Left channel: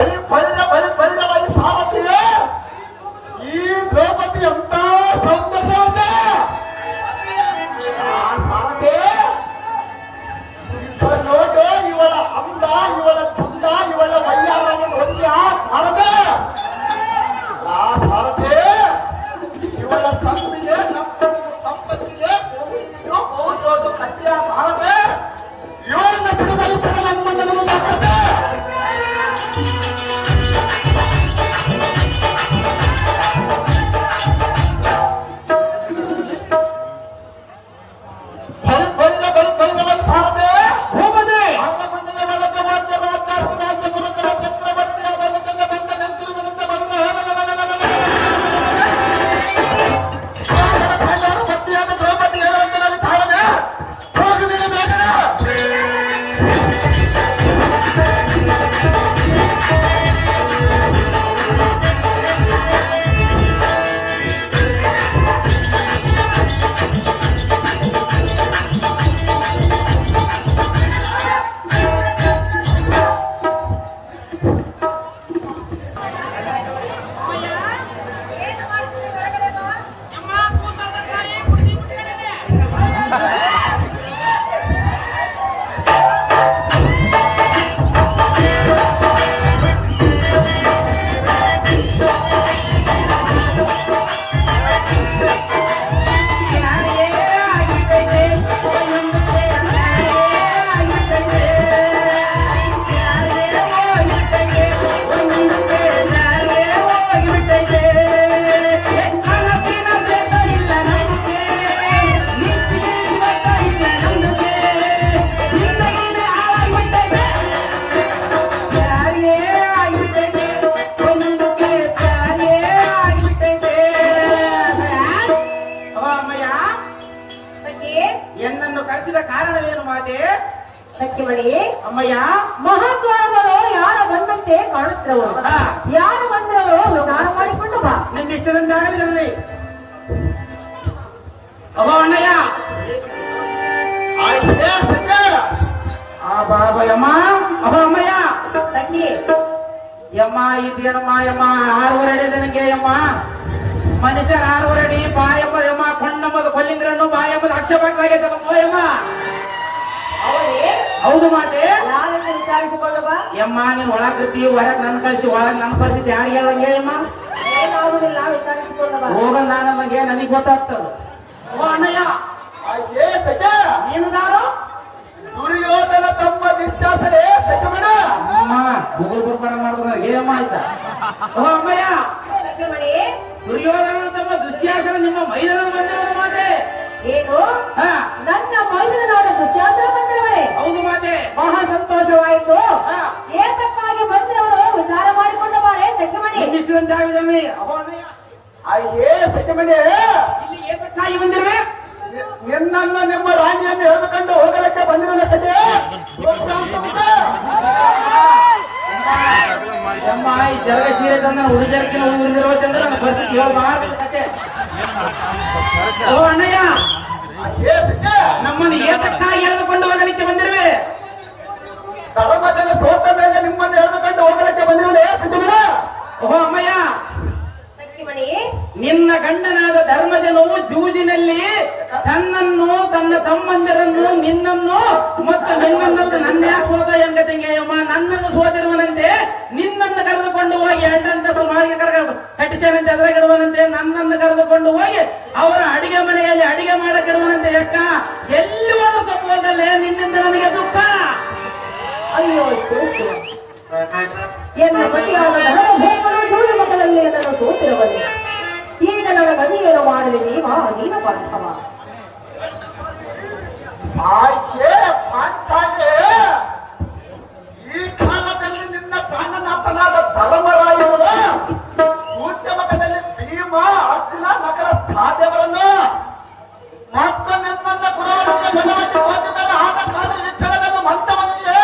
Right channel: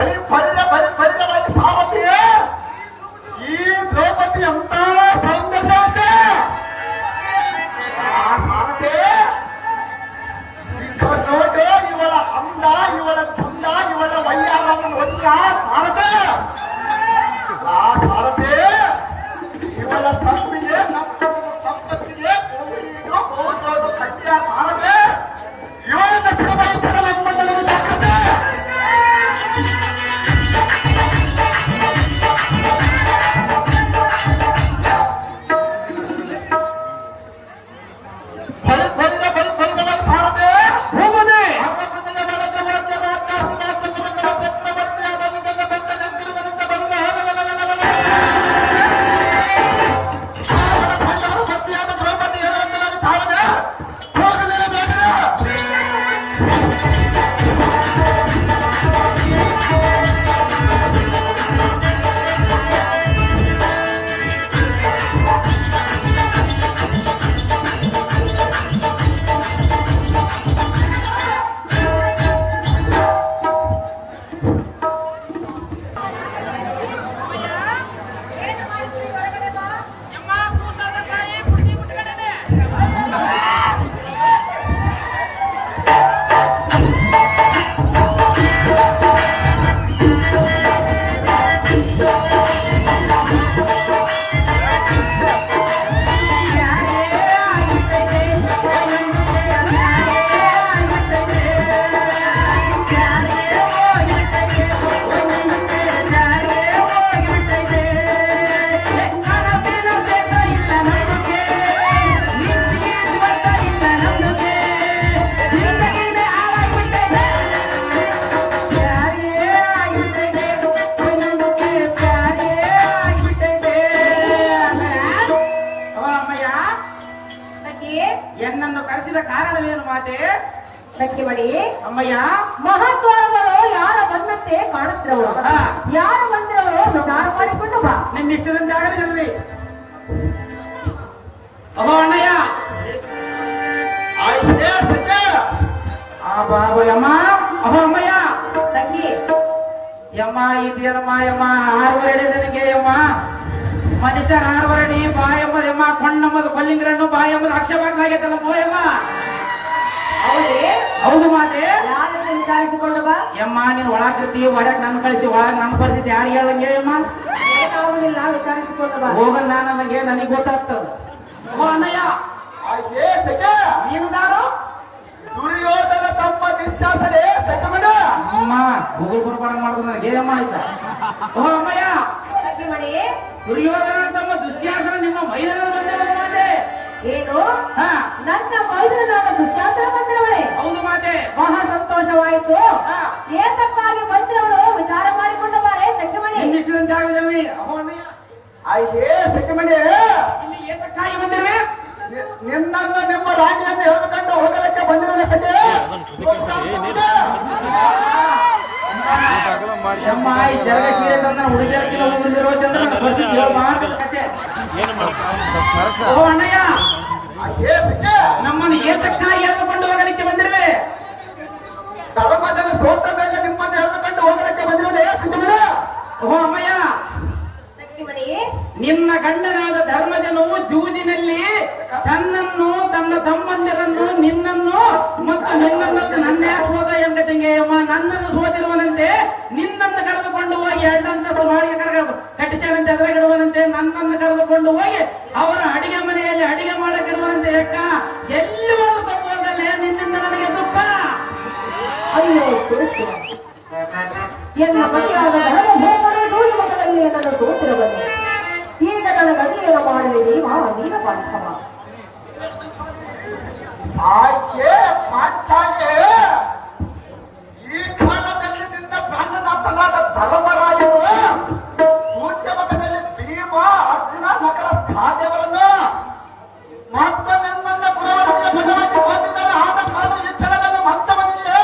ಬಲಿರವಾಗಿ ಸಾರಥಿಯೇ ಈ ದ್ರೌಪದಿ ಅಂತ ಸೌಂದರ್ಯವತೆ ಸಾರಥಿ ನೋಡು ಇವಳ ಅಂದ ಇವಳ ಚಂದ ಇವಳ ವಯ್ಯಾರವನ್ನು ಹೊಂದ ಸಾರಥಿ ಸಾರಥಿ ಇವಳ ಸಂಪಿಗೆ ಸಂಪತ್ತಿಗೆ ಬಹುಜೋದು ಕಟ್ಟಿಯ ಸಾರಥಿ ಇವಳನ್ನ ಬಿಡುಗೈತರ ನಮ್ಮನ್ನು ಲೆಕ್ಕತೆ ಎನ್ನನ್ನು ಕರೆಸಿದ ಕಾರಣವೇನು ಮಾತೆ? ಸಖ್ಯಮಣಿ ಅಮ್ಮಯ್ಯ, ಮಹಾದ್ವಾರಗಳು ಯಾರ ಬಂದಂತೆ ಕಾಣುತ್ತಿರವು, ಯಾರು ಬಂದಿರವರು ವಿಚಾರ ಮಾಡಿಕೊಂಡು ಬಾ. ನಿನ್ನಿಷ್ಟದಂತೆ ಆಗಲಿ. ಅಮ್ಮ ಅಣ್ಣಯ್ಯ, ಆ ಬಾಬಯ್ಯಮ್ಮ, ಅಮ್ಮ ಅಮ್ಮಯ್ಯ, ಸಖಿ ಯಮ್ಮ ಇದೇನಮ್ಮ ಯಮ್ಮ 6 ವರ್ಷ ನನಗೆ ಯಮ್ಮ ಮನುಷ್ಯರ 6 ವರ್ಷ ಬಾ ಎಂಬುದಮ್ಮ ಕೊಂಡಂಬುದು ಕೊಲ್ಲಿಂದ್ರಣ್ಣು ಬಾ ಎಂಬುದು ಆಕ್ಷೇಪಕ್ಕಾಗೈತಲ್ಲ ಮೋಯಮ್ಮ. ಹೌದು ಮಾತೆ. ಯಾರನ್ನು ವಿಚಾರಿಸಿಕೊಂಡು ಬಾ. ಯಮ್ಮ ನೀನ್ ಒಳಗ್ ಕರ್ತಿ ಹೊರಗ್ ನನ್ ಕಳಿಸಿ ಒಳಗ್ ನಮ್ ಪರಿಸ್ಥಿತಿ ಯಾರಿಗೆ ಹೇಳಂಗೆ ಯಮ್ಮ? ಏನಾಗುದಿಲ್ಲ, ವಿಚಾರಿಸಿಕೊಂಡು ಬಾ. ಹೋಗ ನನಗೆ ನನಗ್ ಗೊತ್ತಾಗ್ತದ. ಓ ಅಣ್ಣಯ್ಯ, ಏನುದಾರು ದುರ್ಯೋಧನ ತಮ್ಮ ನಿಶ್ಚಾಸನೆ ಸತ್ಯಮಣ ಅಮ್ಮ ಗೂಗಲ್ ಬರ್ಬಾರ ಮಾಡ್ಕೊಂಡ್ರೆ ಏಮ್ಮ ಆಯ್ತಾ? ಓ ಅಮ್ಮಯ್ಯ, ಸಖ್ಯಮಣಿ ದುರ್ಯೋಧನ ತಮ್ಮ ದುಶ್ಯಾಸನ ನಿಮ್ಮ ಮೈದಾನ ಬಂದಿರೋ ಮಾತೆ. ಏನು? ನನ್ನ ಮೈದನನಾದ ದುಶ್ಯಾಸನ ಬಂದಿರವಳೆ? ಹೌದು ಮಾತೆ. ಮಹಾ ಸಂತೋಷವಾಯಿತು. ಏತಕ್ಕಾಗಿ ಬಂದಿರವರು ವಿಚಾರ ಮಾಡಿಕೊಂಡ ಬಾರೆ ಸಖ್ಯಮಣಿ. ನಿಶ್ಚಿತಂತೆ ಆಗಲಿ. ಅಹೋ ಅಣ್ಣಯ್ಯ, ಸತ್ಯಮಣಿ ಇಲ್ಲಿ ಏತಕ್ಕಾಗಿ ಬಂದಿರುವೆ? ನಿನ್ನನ್ನು ನಿಮ್ಮ ರಾಣಿಯನ್ನು ಎಳೆದುಕೊಂಡು ಹೋಗಲಿಕ್ಕೆ ಬಂದಿರಲ್ಲ ಸಖೆ. ಅಮ್ಮ ಈ ಜಲಗ ಸೀರೆ ತಂದ ಹುಡುಗಿಯರ್ಗೆ ಉಳಿದಿರೋ ಚಂದ್ರ ಪರಿಸ್ಥಿತಿ ಓ ಅಣ್ಣಯ್ಯ, ನಮ್ಮನ್ನು ಏತಕ್ಕಾಗಿ ಎಳೆದುಕೊಂಡು ಹೋಗಲಿಕ್ಕೆ ಬಂದಿರುವೆ? ಧರ್ಮಜನ ಸೋತ ಮೇಲೆ ನಿಮ್ಮನ್ನು ಎಳೆದುಕೊಂಡು ಹೋಗಲಿಕ್ಕೆ ಬಂದಿರಲ್ಲ ಸತ್ಯಮಣ. ಓಹೋ ಅಮ್ಮಯ್ಯ, ಸಖ್ಯಮಣಿ ನಿನ್ನ ಗಂಡನಾದ ಧರ್ಮಜನು ಜೂಜಿನಲ್ಲಿ ತನ್ನನ್ನು ತನ್ನ ತಮ್ಮಂದಿರನ್ನು ನಿನ್ನನ್ನು ಮತ್ತು ನಿನ್ನನ್ನಂತ ನನ್ನ ಯಾಕೆ ಸೋದ ಎಂಗತಂಗೆಯಮ್ಮ ನನ್ನನ್ನು ಸೋತಿರುವನಂತೆ ನಿನ್ನನ್ನು ಕರೆದುಕೊಂಡು ಹೋಗಿ ಅಡ್ಡಂಟಸು ಮಾಡಿ ಕಟ್ಟಿಸರಂತೆ ಅದರಾಗಿಡುವನಂತೆ ನನ್ನನ್ನು ಕರೆದುಕೊಂಡು ಹೋಗಿ ಅವರ ಅಡಿಗೆ ಮನೆಯಲ್ಲಿ ಅಡಿಗೆ ಮಾಡಕ್ಕಿಡುವನಂತೆ. ಯಕ್ಕ ಎಲ್ಲಿ ಒಂದು ತಪ್ಪುವುದಲ್ಲೇ ನಿನ್ನಿಂದ ನನಗೆ ದುಃಖ. ಅಯ್ಯೋ ಶಿವ, ಎನ್ನ ಪತಿಯಾದ ಧರ್ಮಭೂಮನ ಜೂಜು ಮಕ್ಕಳಲ್ಲಿ ನನ್ನ ಸೋತಿರವಲ್ಲಿ ಈಗ ನನಗನ್ನೇನು ಮಾಡಲಿ ದೇವ ನೀನ ಪಾರ್ಥವ. ಈ ಕಾಲದಲ್ಲಿ ನಿನ್ನ ಪ್ರಾಣನಾಥನಾದ ಧರ್ಮರಾಯರು ಉದ್ಯಮದಲ್ಲಿ ಭೀಮ ಅರ್ಜುನ ನಕಲ ಸಾಧ್ಯವರನ್ನು ಮತ್ತು ನಿಮ್ಮನ್ನ ಗುಣವರಿಗೆ ಭಗವಂತ ಹೊಂದಿದ್ದಾರೆ. ಆದ ಕಾಲ ಈ ಚಲನನ್ನು ಮಂಚವನಿಗೆ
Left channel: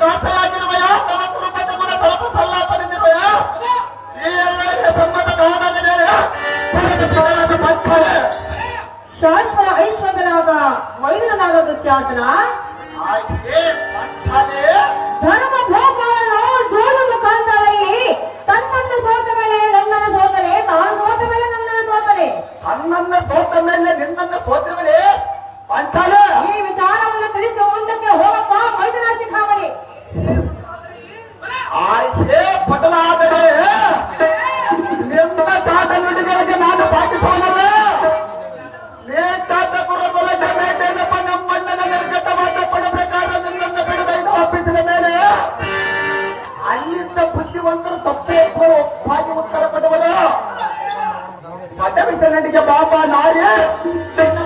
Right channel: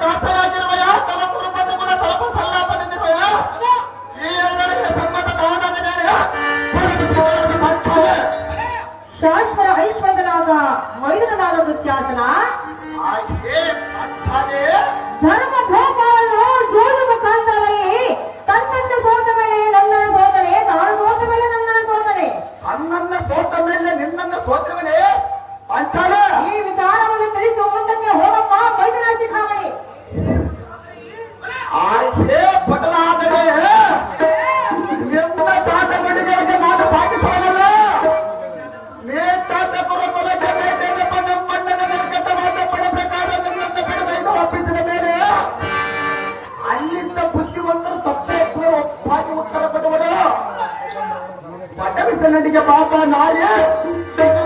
ದಾಸರಾಗಿರುವ ದುಶ್ಯಾಸನ, ಆಯ್ಕೆ ಪಾಂಚಾಲೆ ಧರ್ಮ ಭೋಪಾಲನು ಜೋಲು ಮುಖಾಂತರಲ್ಲಿ ತನ್ನನ್ನು ಸೋತ ಮೇಲೆ ನನ್ನನ್ನು ಸೋತನೆ, ತಾನು ಸೋತ ಮೇಲೆ ನನ್ನನ್ನು ಸೋತನೆ. ಅನ್ನನ್ನ ಸೋತ ಮೇಲೆ ನಿನ್ನನ್ನ ಸೋತಿರುವಳೆ ಪಾಂಚಾಲೆ. ಈ ವಿಚಾರವನ್ನು ತಿಳಿಸಿ ಮುಂದಕ್ಕೆ ಹೋಗಪ್ಪ ಮೈದನ ಶಿಖಾಮಣಿ. ಆಯ್ಕೆ ಬದಲಾದರೆ ನಿನ್ನ ಚಾಟಗಳಿಗೆ ನಾನು ಪಾಟಿಸುವನಲ್ಲ. ನೇತಾದ ಕುರುಬಲಗೆ ಮೇಲೆ ಪಟ್ಟಣ ನಿರ್ಗತವಾದ ಪಡಬೇಕಾದ ನಿನ್ನನ್ನು ಬಿಡದ ಇದು ಒಪ್ಪಿಸಿದ ಮೇಲೆ ಅಲ್ಲಿದ್ದ ಬುದ್ಧಿವಂತರು ತಪ್ಪೇ ಒಪ್ಪಾಗಿ ಉತ್ತರ ಕೊಡುವರು. ಪಟವಿಸನಡಿಗೆ ಬಾಬಾ ನಾರ್ಯ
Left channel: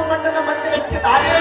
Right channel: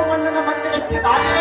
ಮಣ್ಣನ ಮಂದಿರಕ್ಕೆ ದಾರಿ.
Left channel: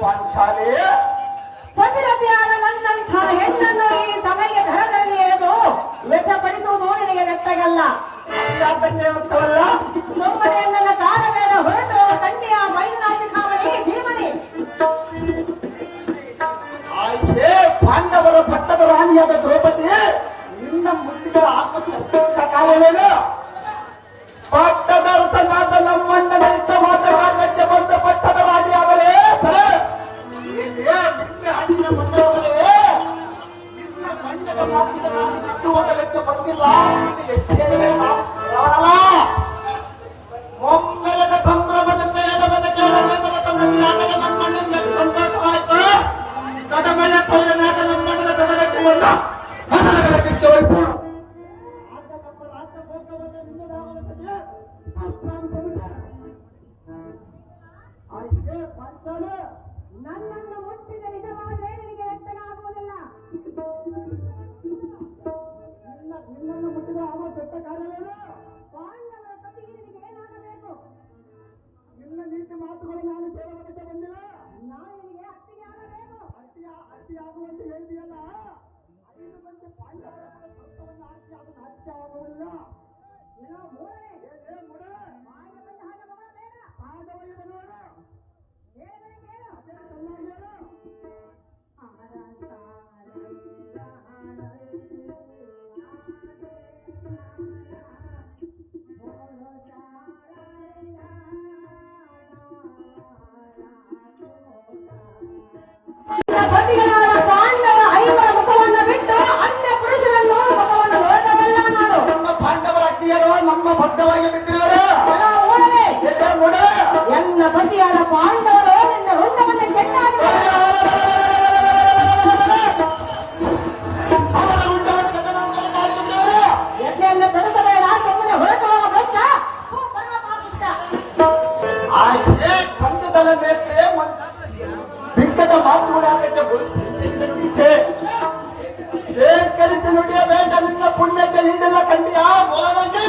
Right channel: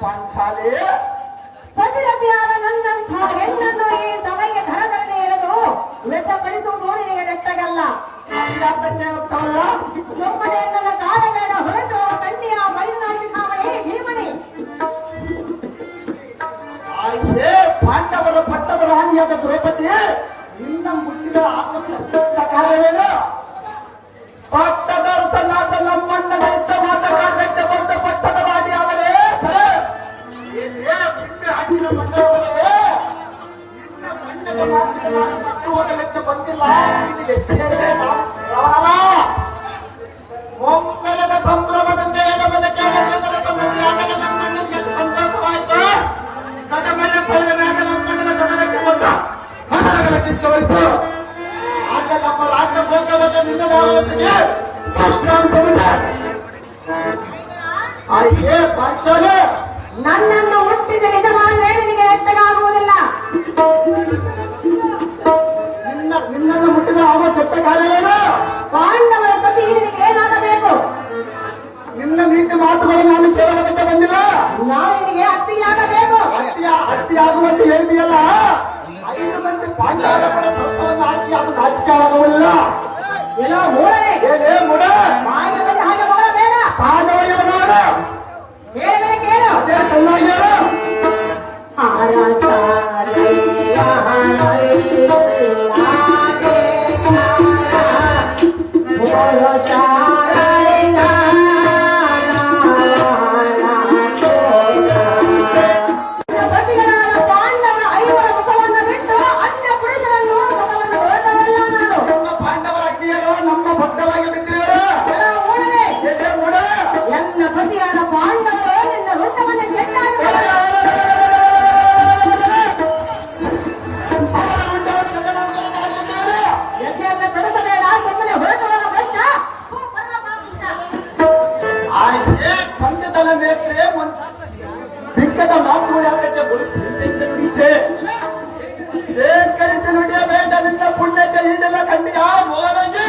ಪಾಂಚಾಲೆ ಪತಿರತಿಯಾದ ನನ್ನಂಥ ಹೆಣ್ಣನ್ನು ಈ ಸಭೆಗೆ ಧರದಲ್ಲಿ ಎಳೆದು ವ್ಯರ್ಥಪಡಿಸುವುದು ನಿನಗೆ ನೆಟ್ಟಗಲ್ಲ. ಯಾತಕ್ಕೆ ಅಂತವಲ್ಲ. ಸುಮ್ಮನೆ ನನ್ನ ಕಾಲ ಮೇಲೆ ಹೊರಟು ತಂಟೆಯ ಮೈದನ ಶಿಖಾಮಣಿ ಭೀಮಣಿ. ಆಯ್ಕೆ ಪಾಂಡವರ ಪಟ್ಟದ ರಾಣಿಯಾದ ದ್ರೌಪದಿ ನಿನ್ನ ಮುಟ್ಟಿದ ಆತ್ಮ ಕಾರ್ಯವೇನು? ಪಟ್ಟದ ಅರಸನಾದ ನಮ್ಮಣ್ಣನ ಇಷ್ಟವಾದ ಕಾರ್ಯಕ್ಕೆ ಬಂದ ಪಟ್ಟದ ರಾಣಿ ಆದರೆ ಸರಿ ನಿಂಬೆ ಹಣ್ಣಿನ ಮಂಡಲವೇ ನಿನ್ನ ಬಣ್ಣದ ಮಾತಿಗೆ ನಾನು ಬಿಟ್ಟು ಹೋಗಲಿಕ್ಕೆ ಬಂದಿಲ್ಲ. ನಿನಗೆ ಎಚ್ಚರಿಕೆಯಲ್ಲ. ಒಮ್ಮೆಲದ ಸಂಭ್ರಮದಂತೆ ಎಡಬದ ಕೇಳಬೇಕರ ಬಂದಿಯಾದಾಗ ನಮ್ಮಣ್ಣನಿಗೆ ಸಂತೋಷವಾಯಿತು. ಸದಮನ ತೋರನಾದ ನಮ್ಮಣ್ಣನ ಸದನಕ್ಕೆ ಒಂದು ಹಸರಗರಕ್ಕಿಷ್ಟವಾಯಿತು. ಆಗ ನಮ್ಮ ರಾಜ್ಯ ಭೋಗವಲ್ಲ ನಿನ್ನ ಭಾವನೆಗೆ ಆಯ್ಕೆ ಪಾಂಚಾಲೆ ನನ್ನನ್ನು ಹುಟ್ಟಿದ ನಿಜವಾದ್ರೆ ನಿನಗೆ ನೆಟ್ಟಗಾಗುವುದಿಲ್ಲ. ನಿನ್ನನ್ನು ಮುಟ್ಟಿದ ಅವ ಕೆಟ್ಟ ಕಾರ್ಯವೇನು? ಪಾಂಡವರ ಸತಿ ನಿನಗೆ ಏನಾಗಬೇಕು? ನಿನ್ನ ನೀತಿ ಮಾತುಗಳು ನಾನು ಕೇಳುವುದಕ್ಕೆ ಬಂದಿಲ್ಲ. ನಾನು ನಿನಗೆ ಅತ್ತಿಗೆ ಆಗಬೇಕು. ಅತ್ತಿಯಾಗುವಂತೆ ಹೇಳಿದೆಯಲ್ಲ. 5 ಮಂದಿ ಪಾಂಡವರ ಪ್ರಸ್ತವನ್ನು ಹಾಕಿ ಅದು ನಾಚಿಕೆ ಆಗುವುದಿಲ್ಲ. ಎಲ್ಲೋ ಮೂಡನೆ ಏನೇ ಮೂಡ ಬಾಯಿಗೆ ಬಂದ ಹಾಗೆ ಮಗಳ ಬೇಡ. ಪಾದವಯ್ಯ ಬದಲಾದ ಬೇರೆ ಬೇರೆ ಕೇಳು. ಅದೇ ಕಲ್ಲಾಗಿ ಮಾತುಗಳು ಯಾಕಂటే ನುಡಿತೆ ಕರೆಸಿ ನುಡಿಯಬೇಕ ನಿನ್ನ ಪುಣ್ಯಕ್ಕೆ ಈಡೆಲ್ಲ ಕಂಡಿಯ ಹೋದಂಗೆ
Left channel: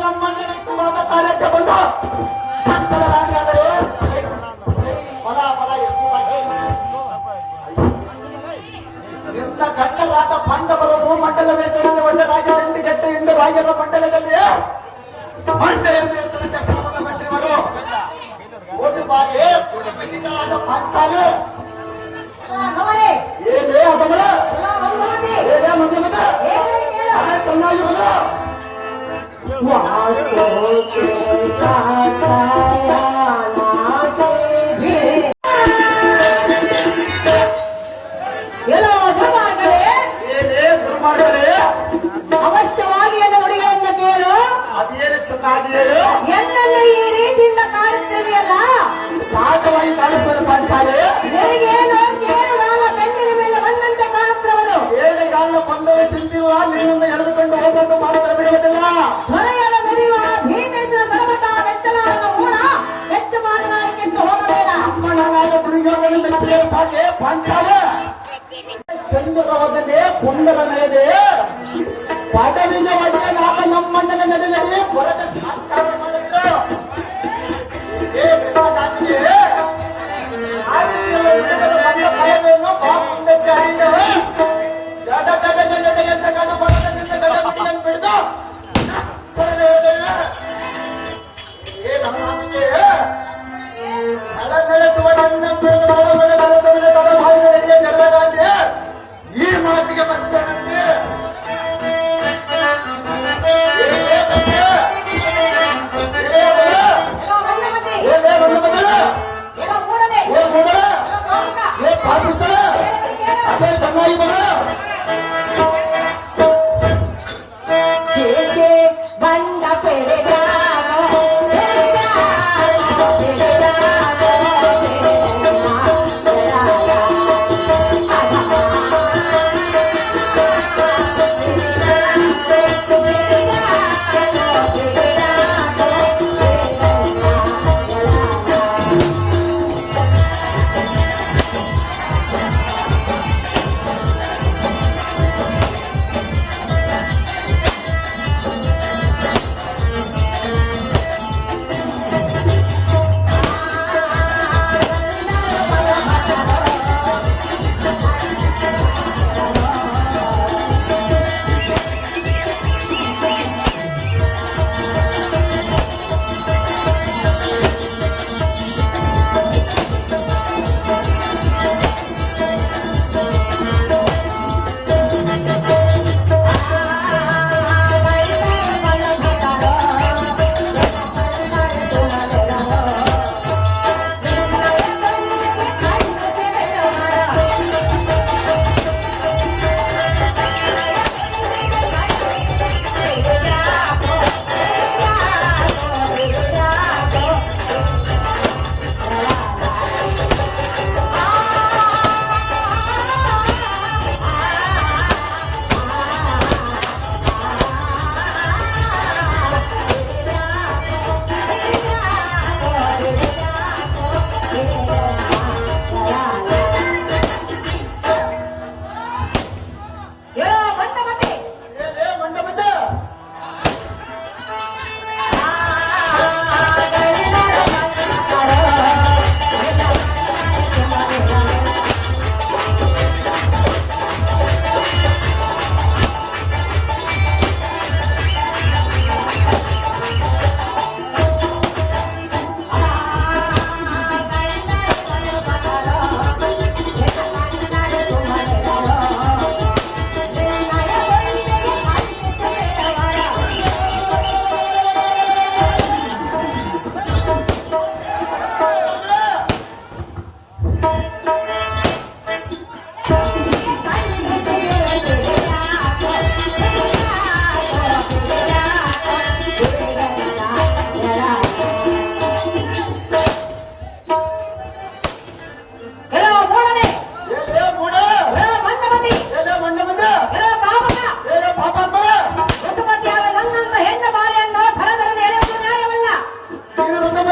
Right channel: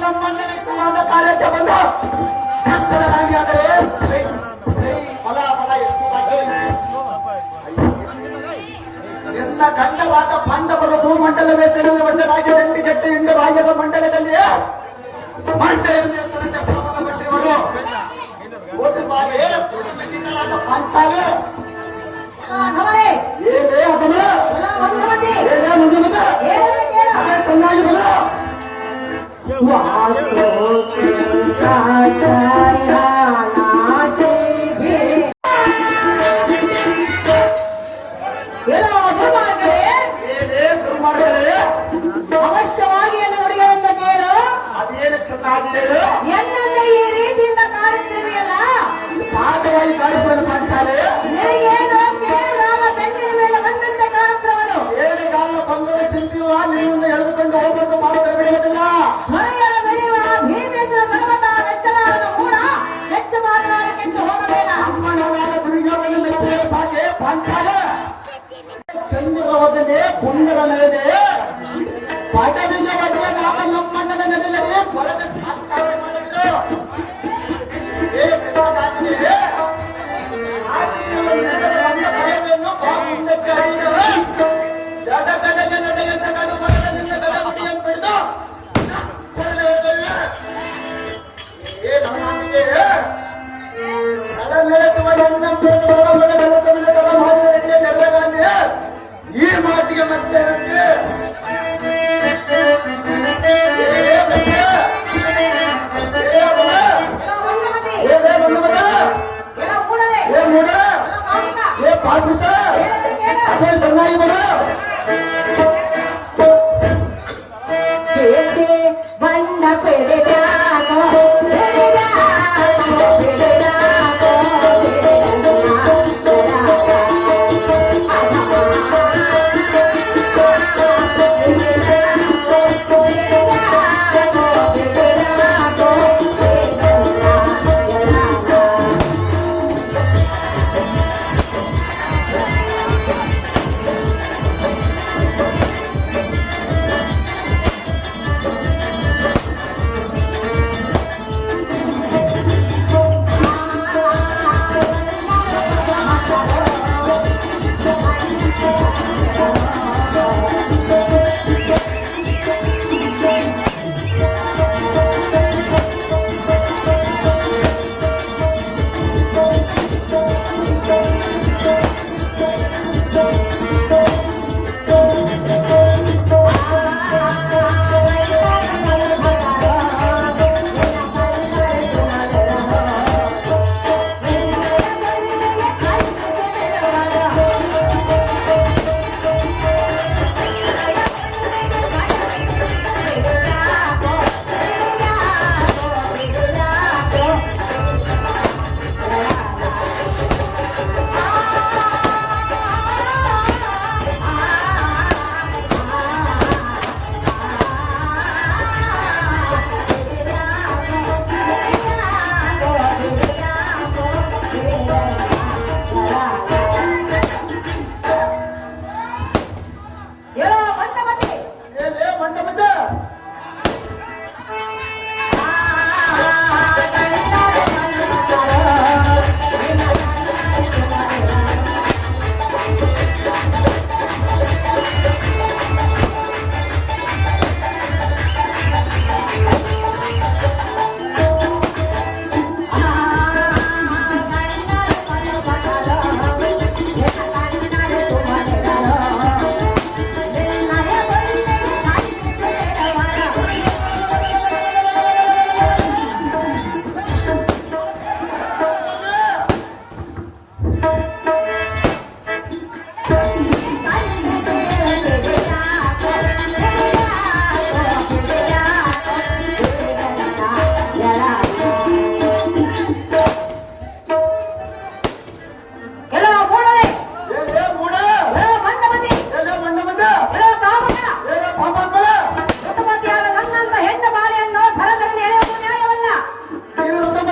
ನಮ್ಮನ್ನ ಕಾರ್ಯಕ್ಕೆ ಬಂದ ಕತ್ತಲರಾಗಿ ಆದರೆ ಬಲ ಬಲ ಎಲ್ಲ ಗಂಡರಾದ ಪಾಂಡವರ ಭೂಮಂಡಲ ವೇಸನಲ್ಲಿ ವಶರಾಗಿ ದಂಡಿಗಟ್ಟೆ ಎಂದರಾಗಿರುವ ಮಂಡಲದಲ್ಲಿ ಮಂಡೆಯಲ್ಲಿ ಕ್ರಮವನ್ನು ಬಿಟ್ಟಿರುವರು ಒಂದು ಬಾರಿ ಮಗಿಗಳಾದ ಪಾಂಚಾಲೆ ಗಮನೆ ಏನೇ ಅಪಮಲ ಮಂದಿ ಏನೇ ಮಂದಮತ ಹೇಳುವ ಕೇಳ ಅದೇ ಚೆನ್ನಾಗಿ ಬರಲ್ಲ ಎಲ್ಲೋ ದುರ್ಮಾರ್ಗರೇ, ಏನೇ ದುರ್ಮಾರ್ಗಗಳೇ ಅವಶ್ಯವಾಗಿ ಎನ್ನ ನುಡಿಗಳಿಂದ ಕೇಳು. ಅದೇನು ಚೆನ್ನಾಗಿದೆ ಎನ್ನನ್ನು ಈ ರೀತಿಯಿಂದ ಕಾಡುತ್ತಿರುವೆಯಲ್ಲ, ಸಹಜವಾಗಿ ಕಾಣಿಸುವ ಪಾಂಚಾಲೆ ನಿನಗೇನು ಕೇಳುಗಾಲ ಬೆನ್ನಿನ ಮೇಲೆ ಬಂದಂತೆ ಕಾಣುತ್ತಿರುವುದು. ಏಳೆಗಾಲ ಬಂದರೆ ಚಿಂತಿಲ್ಲ ನಿನ್ನನ್ನು ಎಳೆದುಕೊಂಡು ಹೋಗಬೇಕು ಮಾತ್ರ ಬಿಡುವುದಿಲ್ಲ ಹೊರೆಯದ ಬೆರೆಯುವ ಭೀಮೇಶ್ವರ ಸರ್ವತ ಮೆಚ್ಚಲಾರನ ಮೂಡ ಮೆಚ್ಚ ಮಾತನಾಡಿ ಕೆಟ್ಟು ಹೋಗಬೇಡ. ಅಮ್ಮನಾದ ದುರ್ಯೋಧನ ಮೆಚ್ಚಿದ ಸಾಕೆ ಪಾಂಚಾಲೆ ಚಂದ್ರವದನೆ ಕುಂದರ ನಯದೆ ಪದವಿಗೆ ಒಡೆಯನಾದ ನಮ್ಮಣ್ಣನ ನಡೆ ನಡಿ ಬರದ ಸಾಕ್ಷಾತ್ ಮಾಡಿದ್ರು ಏ ಬೆಳಗಾಗಿದೆ ರಾಜಕೀಯ ನಡೆದ ಬಂದ ಫಲವೇನು ಬಾ ಮುಂದಕ್ಕೆ ಹರಿದು ಜಡ ಜಡಗೆ ನಡೆಗೆ ತಗೊಂಡು ಬರದ ನಿನ್ನ ಗಡ ಮುಡಿಯನ್ನು ಬಿಡಿದು ಏ ನಮ್ಮನಿಗೆ ನಳ ನೆಲೆಸುವ ಎನ್ನ ಬಿಡದ ನಳ ಮಳೆ ನೆಲೆಸುವ ತಡ ಮಾಡಿದ ನಡೆಯ ಕೆಡಗಾಂಧಿ ಈ ಮಾತಿಗೆ ಮತ್ತೇನಂತೆ ಎಲ್ಲೋ ಮಂದಿ ಏನೇ ಬಂದು ಬಂದಲ್ಲ ಎಲ್ಲೋ ಮೂಡದೆ ಏ ಮೂಡ ಎಲ್ಲೋ ಪಾಪಿಷ್ಟ, ಏ ಪಾಪಿಷ್ಟ ಹೇಳುವ ಕೇಳು. ಅದೇ ಚೆನ್ನಾಗಿ ಬರ ಚೇಚೆ ಬಂದ ಪೆಳೆದಾಗೋ ಪೆಳೆದಾಗೋ ಪೆಳೆದಾಗೋ ಪೆಳೆದಾಗೋ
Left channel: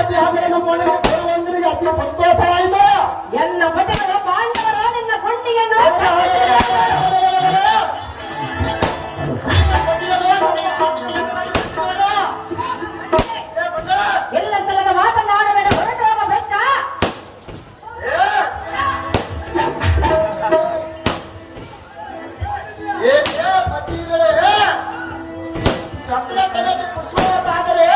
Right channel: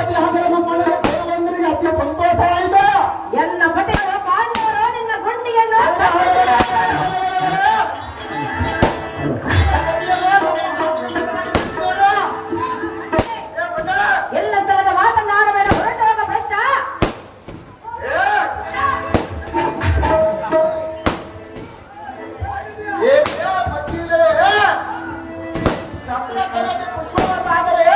ಇತಿಹಾಸ ನಮ್ಮೊಳಗೆ ಕೈಗೊಂಡರಿಗೆ ಅತಿ ಸಂತೋಷವಾಯಿತು. ಎಲ್ಲ ಪತಿಗಳು ಪಾಂಡವರು ನಿನ್ನ ಗುಂಡಿಯನ್ನು ಎಲ್ಲ ಸ್ಥಳದ ಮಾತನಾಡಬೇಡ, ಹೊರಟೋಗ ಭ್ರಷ್ಟ. ಚಂದ್ರ ತಲೆಗೆ ಪುಷ್ಪವಾದರೆ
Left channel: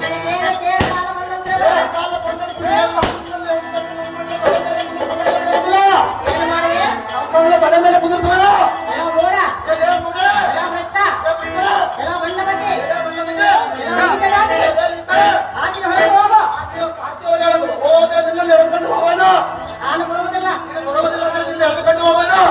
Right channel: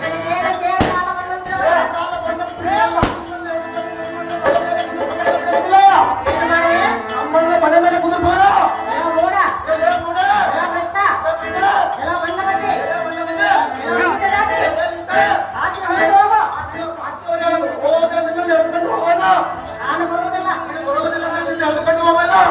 ನಿನಗೇನು ಕೇಳು ಕಾಲ ಬಂದಂದ್ರೆ ಏನು ಮಾಡುವೆ? ನಮ್ಮನ್ನ ಮನೆ ಮೇಲೆ ಕುದುರ್ಸೋಣ. ಎಲ್ಲ ಮೋಡ, ಎಲ್ಲ ಭ್ರಷ್ಟ, ಎಲ್ಲ ಬಂದ ಮಧ್ಯೆ, ಎಲ್ಲ ನೀಚ ಜಾತಿ. ಆಚೆಗೆ ಹೊರಟು ಹೋಗು. ನಾನು ಬರುವುದಿಲ್ಲ, ನೋಡುವೆನು.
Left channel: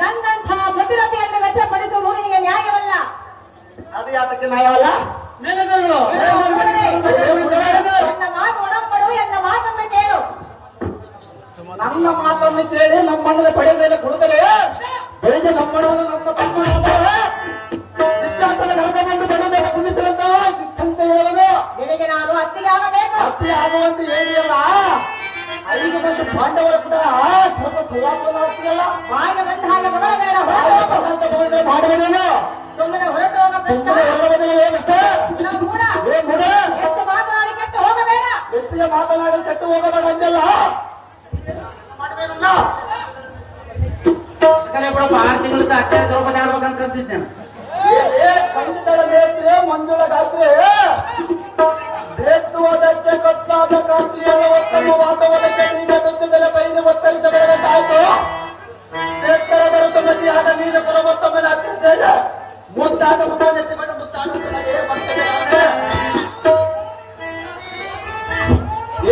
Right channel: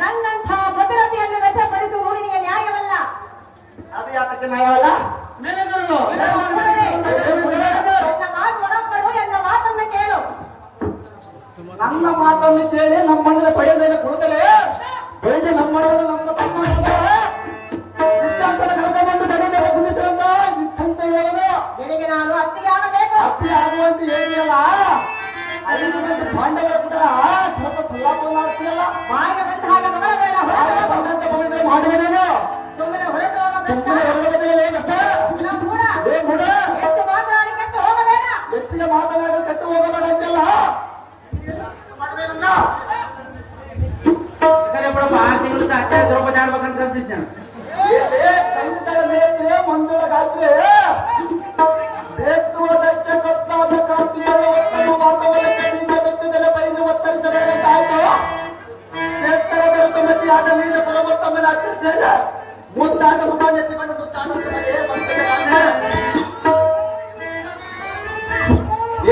ನನ್ನಂಥ ಭದ್ರತೆಯನ್ನು ವ್ಯರ್ಥಪಡಿಸುವುದು ನಿನಗೆ ನ್ಯಾಯವಲ್ಲ. ಅದು ಯಾತಕ್ಕೆ ನ್ಯಾಯವಲ್ಲ? ಮೇಲೆದರುಗಳು ನನ್ನ ಮಾತು ಒಡಂಬಡು, ಎನ್ನ ಮಾತನ್ನು ಕೇಳು. ನನ್ನ ಮಾತನ್ನು ಕೇಳಿ ನಮ್ಮಣ್ಣನ ತೊಡೆ ಮೇಲೆ ಕುಳಿತರೆ ಬೆಳಿಗ್ಗೆ ನಮ್ಮಣ್ಣನ ನಮ್ಮ ತಮ್ಮನ ವಿಶ್ವಾಸದ ಗಣಕ ಬಂದು ತೊಡೆ ಮೇಲೆ ಕುದಿಸಲಂತ ಇತ್ತಂತ ಹೇಳೋದು. ನಿನಗೆ ನಾನು ಅತ್ತಿಗೆ ಆಗಬೇಕು. ಅತ್ತಿ ಆಗುವಂತ ಹೇಳಿಯಲ್ಲ, 5 ಮಂದಿ ಪಾಂಡವರ ಕೂಡ ಸ್ವಲ್ಪ ಸಲ್ಲಾಪುರ ಆಗ್ತೀಯಲ್ಲ. ಬಾಯಿಗೆ ಬಂದ ಹಾಗೆ ಮಗಳಬೇಡ, ಬಂದಂತ ಮಗಳಿದ್ರೆ ಮಾಡಬೇಡೇನು? ಸುಮ್ಮನೆ ಹೊರಟು ಹೋಗ ಭ್ರಷ್ಟ. ಸುಮ್ಮನೆ ಹೊರಡೋದಿಲ್ಲ ಕಷ್ಟ. ಇಲ್ಲ ಮೂಢ, ಮೂಢ ಹೆಚ್ಚು ಮಾತನಾಡಿ ಕೆಟ್ಟು ಹೋಗಬೇಡ. ಹೆಚ್ಚಿಗೆ ಮಾತನಾಡಿ ಕೆಟ್ಟು ಹೋಗಬೇಡ ಅಂತೆಲ್ಲ ಮಾಡಬೇಕಲ್ಲ. ಬಿಡಪ್ಪ 6 ತಿಂಗಳ ಅತ್ತೆ ದ್ರೌಪದಿ ಆಡ್ಬೇಕಂತ ಕಲ್ತಿದ್ದೇನೆ. ಖಂಡಿತರ ನೇತ್ರೆ ಮಂಜುಳ ಗಾತ್ರೆ ಬೇತ್ತುವುದಕ್ಕೆ ಕತ್ತಾದ ಕಾಂತಿಯನ್ನು ಒತ್ತನ್ನು ವಾತಾವರಣಕ್ಕೆ ಬೀಜ ಬೆತ್ತಿದರೆ ಬೈಲಿ ಒತ್ತರಿಸ ಬೆಳೆದಂತಾಯ್ತು. ಎತ್ತರ ಬೆರೆತು ಮತಿಯಾದ ನೀನು ಪುರಮತ್ತಮ್ಮನ ಹತ್ತಿರಿದ್ದೇನೆ. ಮುದ್ದಾದ ಮುಖವನ್ನು ಎತ್ತಿಕೊಂಡು ಮುದ್ದಾಡುತ್ತದೆ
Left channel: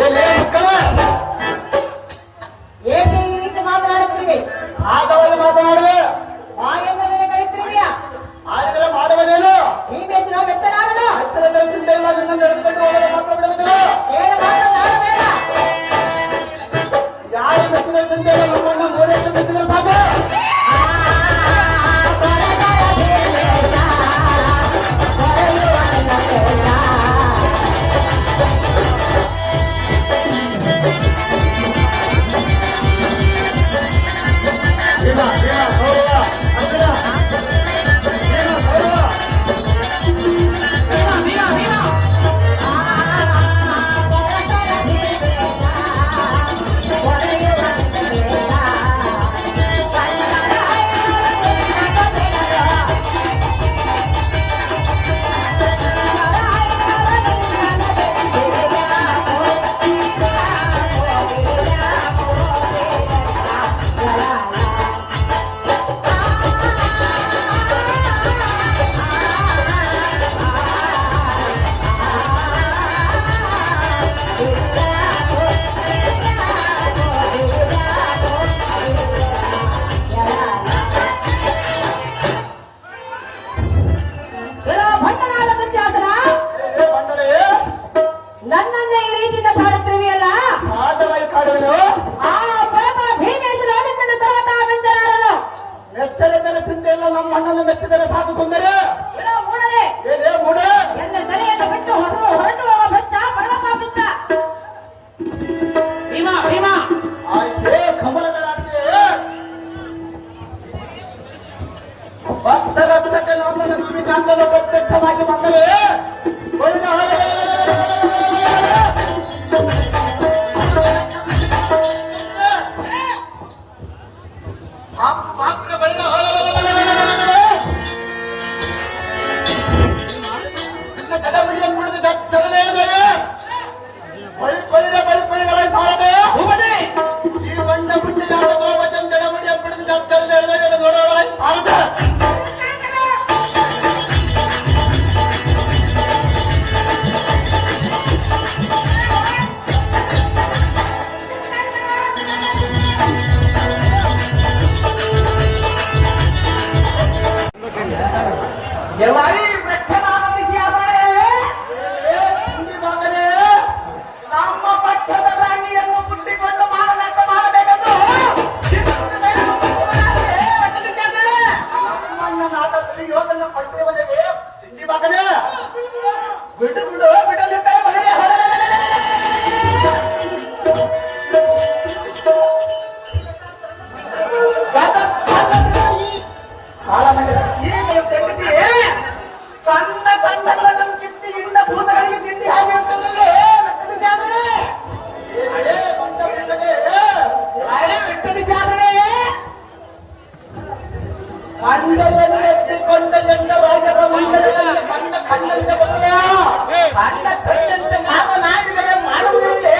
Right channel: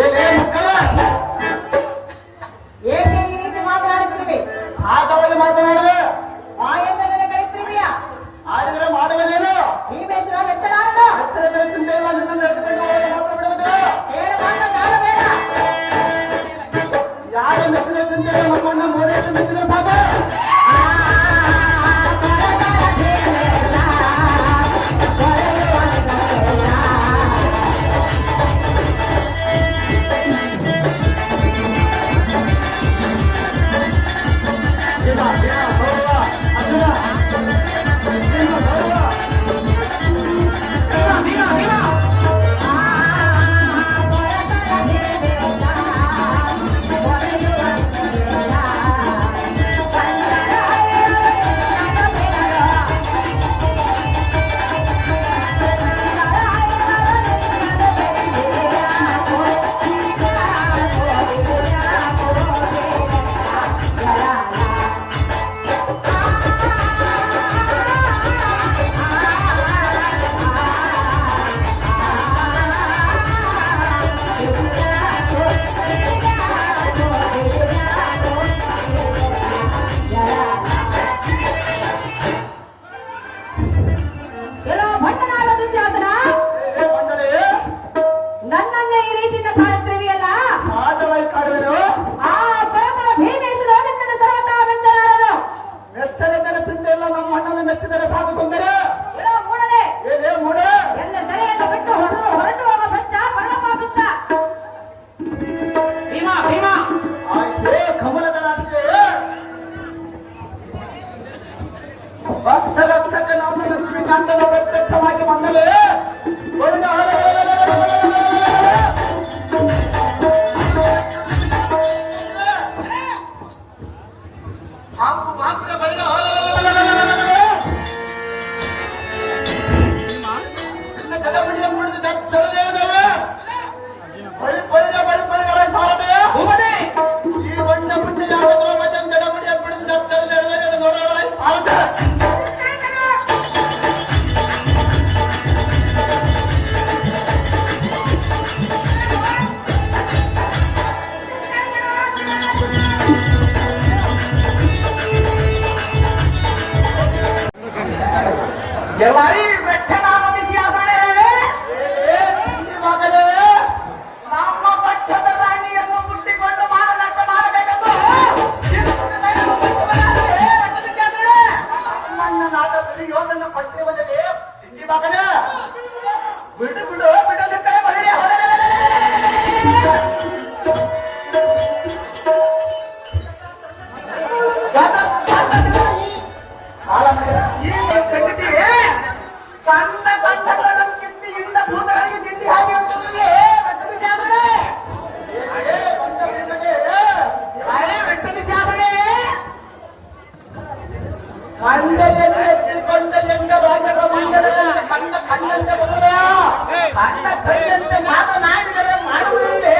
ಏನೇ ಮಕ್ಕಳ ಏಕೆ ಈ ರೀತಿ ಮಾತನಾಡುತ್ತೀವಿ? ಆದವಾಗಿ ಮಾತನಾಡಿದೆ ಬಾಯಿಂದ ನಿನಗೆ ಕರೀತೀವಿಯಾ? ಆಡಿದರೆ ಮಾಡುವುದೇನು? ಭೀಮೇಶ್ವರ ಮೆಚ್ಚಲಾರನು. ಅಕ್ಷರಗಳ ಚಿಂತೆ ಇಲ್ಲ, ನಿನ್ನ ನಡೆದುಕೊಂಡು ಹೋಗಲು ಮಾತ್ರ ಬಿಡುವುದಿಲ್ಲ. ಏನು ಮಾತನಾಡಬೇಡ. ಯಾರು ಮೆಚ್ಚಿದ ಚಿಂತೆ ಇಲ್ಲ, ನಮ್ಮನ್ನು 3 ವರ್ಷ ಮೆಚ್ಚಿದ ಸಾಕು. ಮಗನೇ ಬಿಡು ಬಿಡು ಬಿಡಲಿದ್ದರೆ ಬರೀ ಸಾಲ ಮಾಡಿ ಈಗ ಕಂಡಿದ್ದೀ ಕಣ್ಣ ಕಣ್ಣಗಳನ್ನು ಕಿತ್ತಿ ಇಂದ ಭೂತಗಳಿಗೆ ತಿಂಡಿ ಆಗಿರುತ್ತದಲ್ಲೇ ಬೆಟ್ಟದ ಜಾಗರಣೆ ಬೆಟ್ಟದ ಜಾಗರಣೆ ಮಂಡೆಯನ್ನೆತ್ತಿಕೊಂಡ ಎಂದ ರಾಜರ ಮಂಡಲದಲ್ಲಿ ಕಂಡ ಕಣ್ಣಂತ ಬರುವೆಯ ಕಂಡ ಕಣ್ಣಂತೆ ಮಾತನಾಡಿದರೆ ಮಾಡುವುದಿಲ್ಲೇ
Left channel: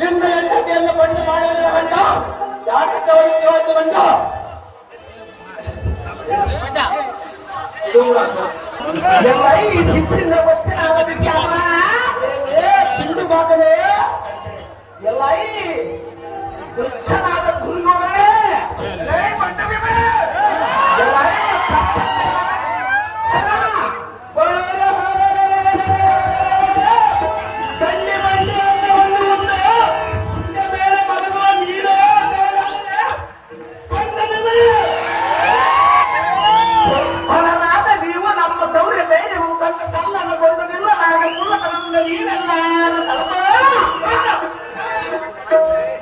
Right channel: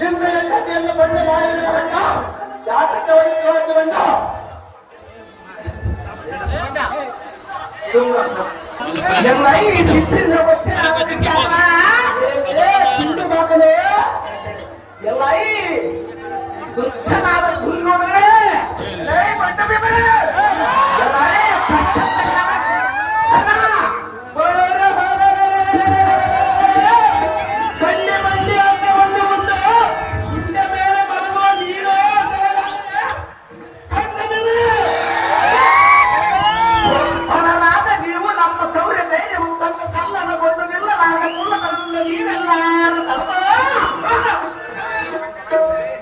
ಲಿಂಗ ಹೆಂಡತಿಯನ್ನು ಬಂದು ಮಾಡುವುದಿಲ್ಲ ಗಂಡ ಜಾತಕ್ಕೆ ಹೋಗಿ ಬಂದ ತಿಂಡಿ ಬಾಕಲೆ ಎಲ್ಲ ದುಷ್ಟನಾದ ದುರ್ಯೋಧನೆ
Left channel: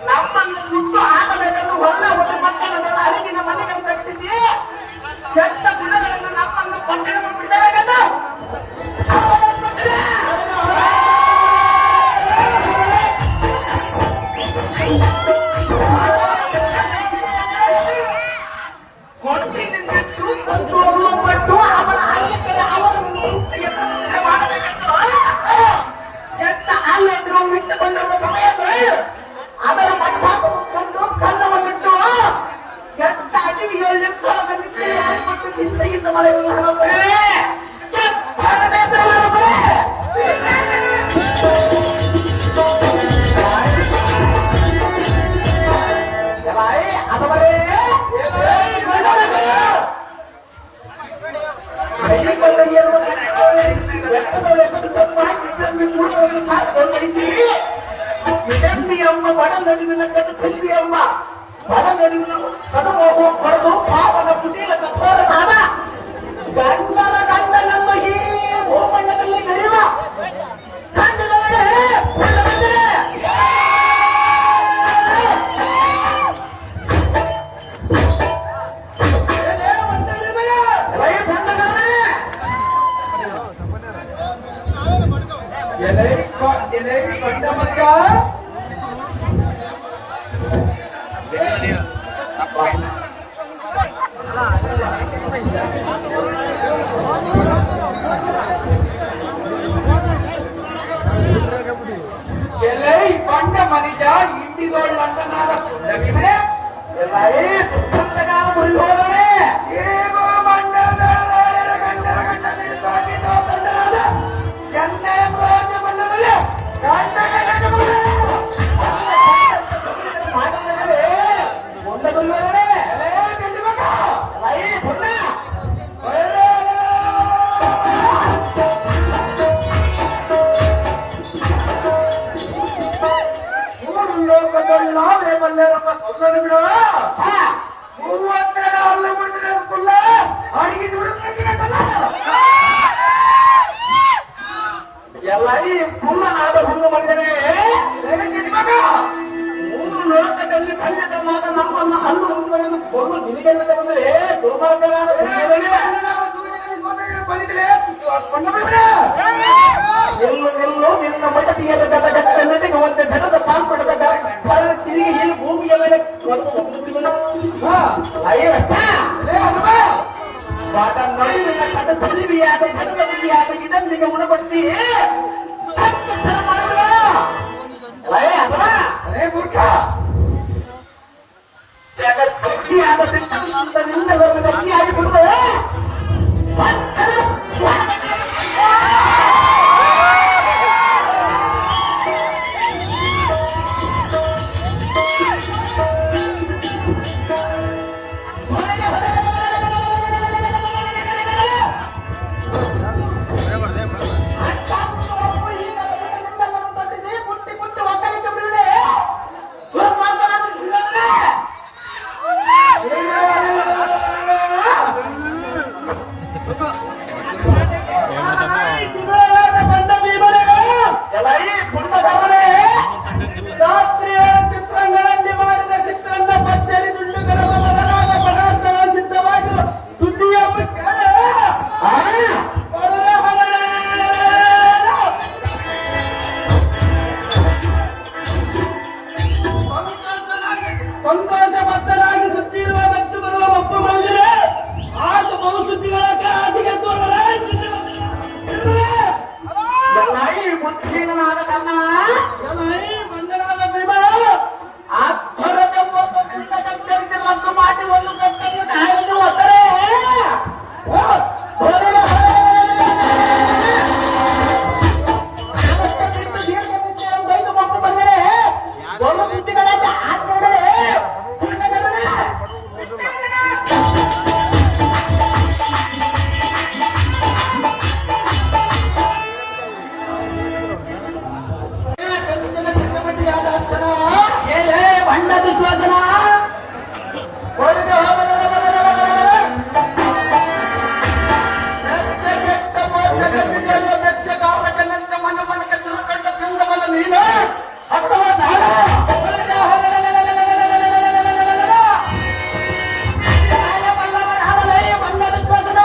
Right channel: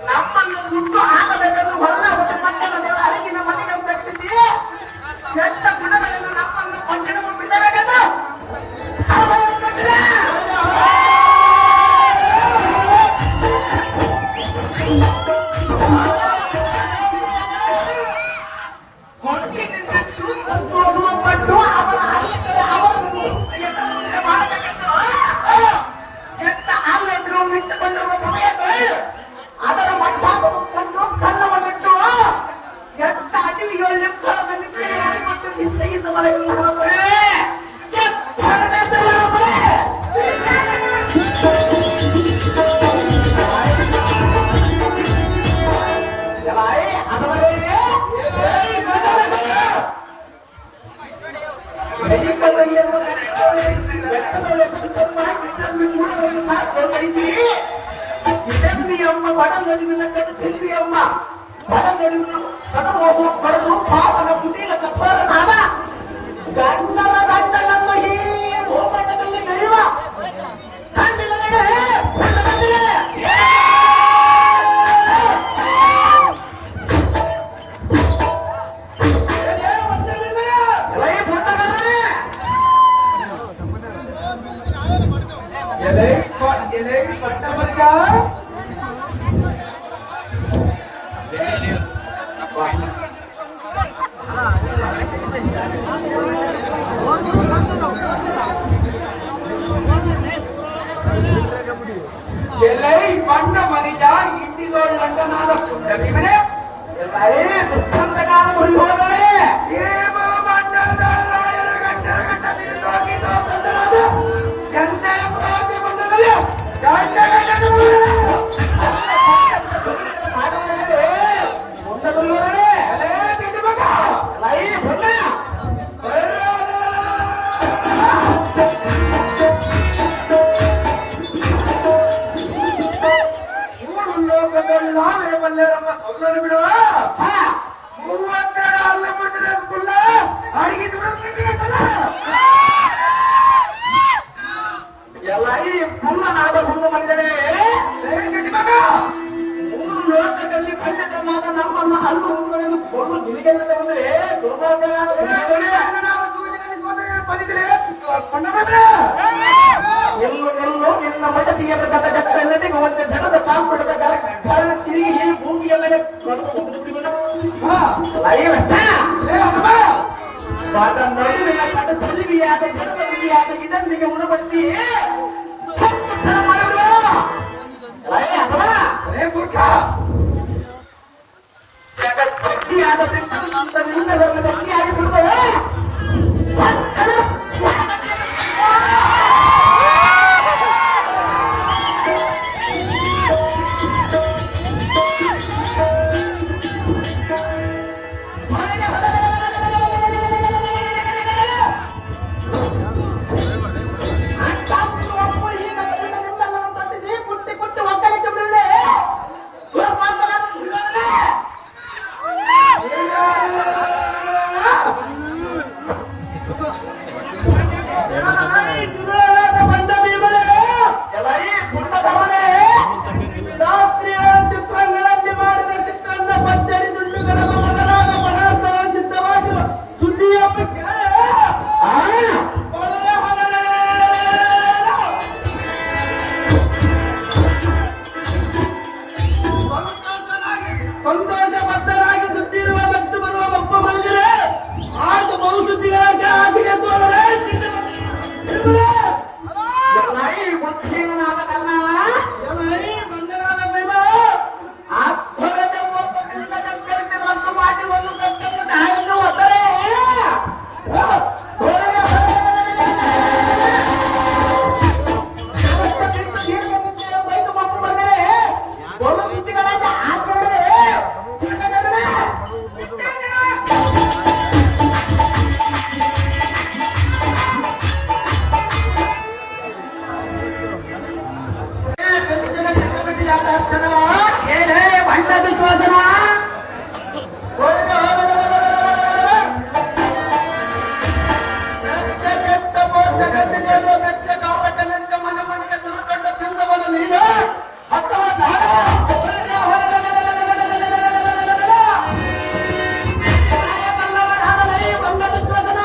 ನಮ್ಮನ್ನು ಸುಟ್ಟು ಹಾಕಬೇಕನ್ನು ಹೊಲ ಒಂದು ಪಟ್ಟಣಗಳ ಅರಿಗಿನ ಮನೆಗೆ ಕಟ್ಟಿಸಿ ಕೆಟ್ಟ ಗುಣಗಳಿಂದ ನಮ್ಮನ್ನು ಪಟ್ಟಣಕ್ಕೆ ಬಿಡಿಸಬೇಕಂತ ಸಂತೋಷಪಟ್ಟು ಅವರ ಆಡಳಿತದ ಅವರನ್ನು ಮಾಡಬೇಕಂತ ಕೆಟ್ಟ ಆಲಯಗಳನ್ನು ಇಟ್ಟುಕೊಂಡಿರುವ ಸಮಯದಲ್ಲಿ ಅದರ ಮಟ್ಟ ಕಂಡು ಕಲ್ಲವನ್ನಿಟ್ಟು ಕೆಟ್ಟ ಅಡವಿಯಲ್ಲಿ ನಿದ್ರೆ ಮಾಡಿಕೊಟ್ಟು ಚಿಂತೆಯಿಂದ ಮಳೆಯನ್ನು ಹರಪಡೆ ಎಂಬ ಬಡ ನಡುವಿನ ಕಡು ಚೆಲ್ವಿ ಎಂಬ ಬಡ ನಡುವಿನ ಕಡು ಪಡೆದು ಪಾಪನ ಕುಟೀಲ ಕಠೋರನಾದ ಗಂಡನ ಗಂಡನನ್ನು ಈ ಭೂಮಂಡಲದಲ್ಲಿ ಮೆರೆಯುವ ಗಂಡನವರೇ ಬಣ್ಣ ಮನಿಜ ಇಂಡಿದೋಳ್ ಲಂಡನಾದ ಕುಂಡ ಭೀಮನೆ ದುಃಖಂತಗಾದ ದುರ್ಯೋಧನೆ ಗಂಡರ ಗಂಡ ತಂಡನಾದ ಚಂದನ ಪ್ರಯೋಜನ ಬಂದದಲ್ಲಿ ಗಂಡ ಮಾಡುವುದೇ ಕೊಂಡ ದುರ್ಯೋಧನೆ ಲೋಕದೊಳ್ಳಾವೇ ಬಲ್ಲೇರಮ್ಮ ಸೊಲ್ಲದು ಬಿಡುವ 32 ಹಲ್ಲು ಮುಡಿದ್ರೆ ಸ್ಕೂಲ್ ಅಡಿಗೆ ಎಲ್ಲ ಈ ಕುಳ್ಳನಾದ ಹುಲ್ಲು ಮಾಡಿದರೆ ಮಗ 3 ಲೋಕದಲ್ಲಿ ಕಲ್ಯಾಣನಾದ ನಮ್ಮನ್ನು ಹಲ್ಲು ಹುಲ್ಲುಗಳನ್ನು ಸೊಲ್ಲು ನಿನಗೆಲ್ಲ ಬಂದರೆ ದುರ್ಮಾರ್ಗನಾದ ಎಲ್ಲೋ ನಿನ್ನ ಮಡದಿಯ ನಟೆಗುವಂತೆ ಧನದ ಕಾಲ್ಪಡದ ಕಾರಣ ತಿರುಗಿ ಹೀಗೆ ಭೂಮಿಯ ಮೇಲೆ ಪಾದ ನಡುವಿನ ಕಟ ತಲಿವಿಯಾದ ಧನದ ಮುಗಿಯಾದ ಇದನ್ನಿಗೆ ಮುಣಪಡಿಸಿ ಮೂರ್ಖ ಗಟ್ಟಿಯಾದ ನಿಲ್ಲವನ್ನು ಗಟ್ಟಿಯಾಗಿ ಬಿಡುವ ಈ ಬುದ್ಧಿಹೀನನಾದ ಕನ್ನ ಬಂಧನಾದ ಭೀಮ ಆತ್ಮರತೆ ಮೋಸದಿಂದ ಕತ್ತರಿಸಿ ಒಂದು ಮಾಟಿ ಒಂದು ಕತ್ತನ್ನು ತಾಯಿಗೆ ಒತ್ತರೆ ಬಿದ್ದು ದೀರ್ಘ ನಿತ್ಯ ಬೈದು ಮಪ್ಪು ಬಂದರೆ ಬಲು ಬಿದ್ದುಗಳಾದ ಆತ್ಮರೇ ಹೇಳೇ ಬಣ್ಣ ದುಶ್ವಾಸನ ಮನ ಮನಕ್ಕೆ ತಿರುಕೊಂಡ ತಿಂದವನ ನೀನು ಅಥವಾ ಬಣ್ಣ ದುಶ್ವಾಸನ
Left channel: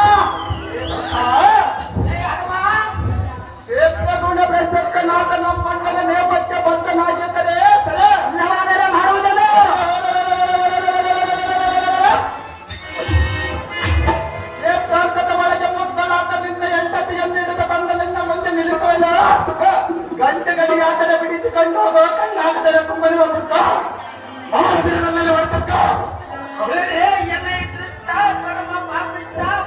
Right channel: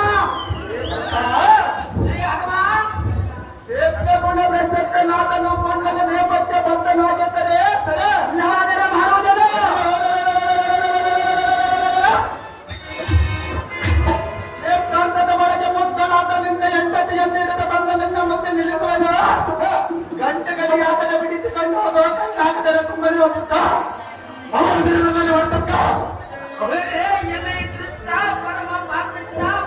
ಗುಣ ಬೆಸಕ್ಕ ನಾಟ ನಮ್ಮ ಮಣ್ಣನ ನೇಪಥ್ಯ ಬದ್ಧನಾಗಿದ್ದರೆ ಇಲ್ಲವಾದರೆ ಮಾಡುವುದನ್ನು ಏಕಾಂತದ ಒಳಗೆ ಮುತ್ತಲಾಟದಿಂದ ಎಂಟತಿಯನ್ನು ಹಿಡಿದು ಬಂದ ನಿನ್ನ ಮುಂದೆ ನಿಲ್ಲಿಸುವನು ಗಂಟೆಗಳು ಯಾತನೆ ಬಿಡಿಸಿಕೊಂಡು ಹೋಗೋ ಕೈಲಾಗದರೆ ಸುಮ್ಮನೆ ಹೋಗುತ್ತ ಮಾಡುವುದರ ಮೇಲೆ ಹೊರತಕ್ಕ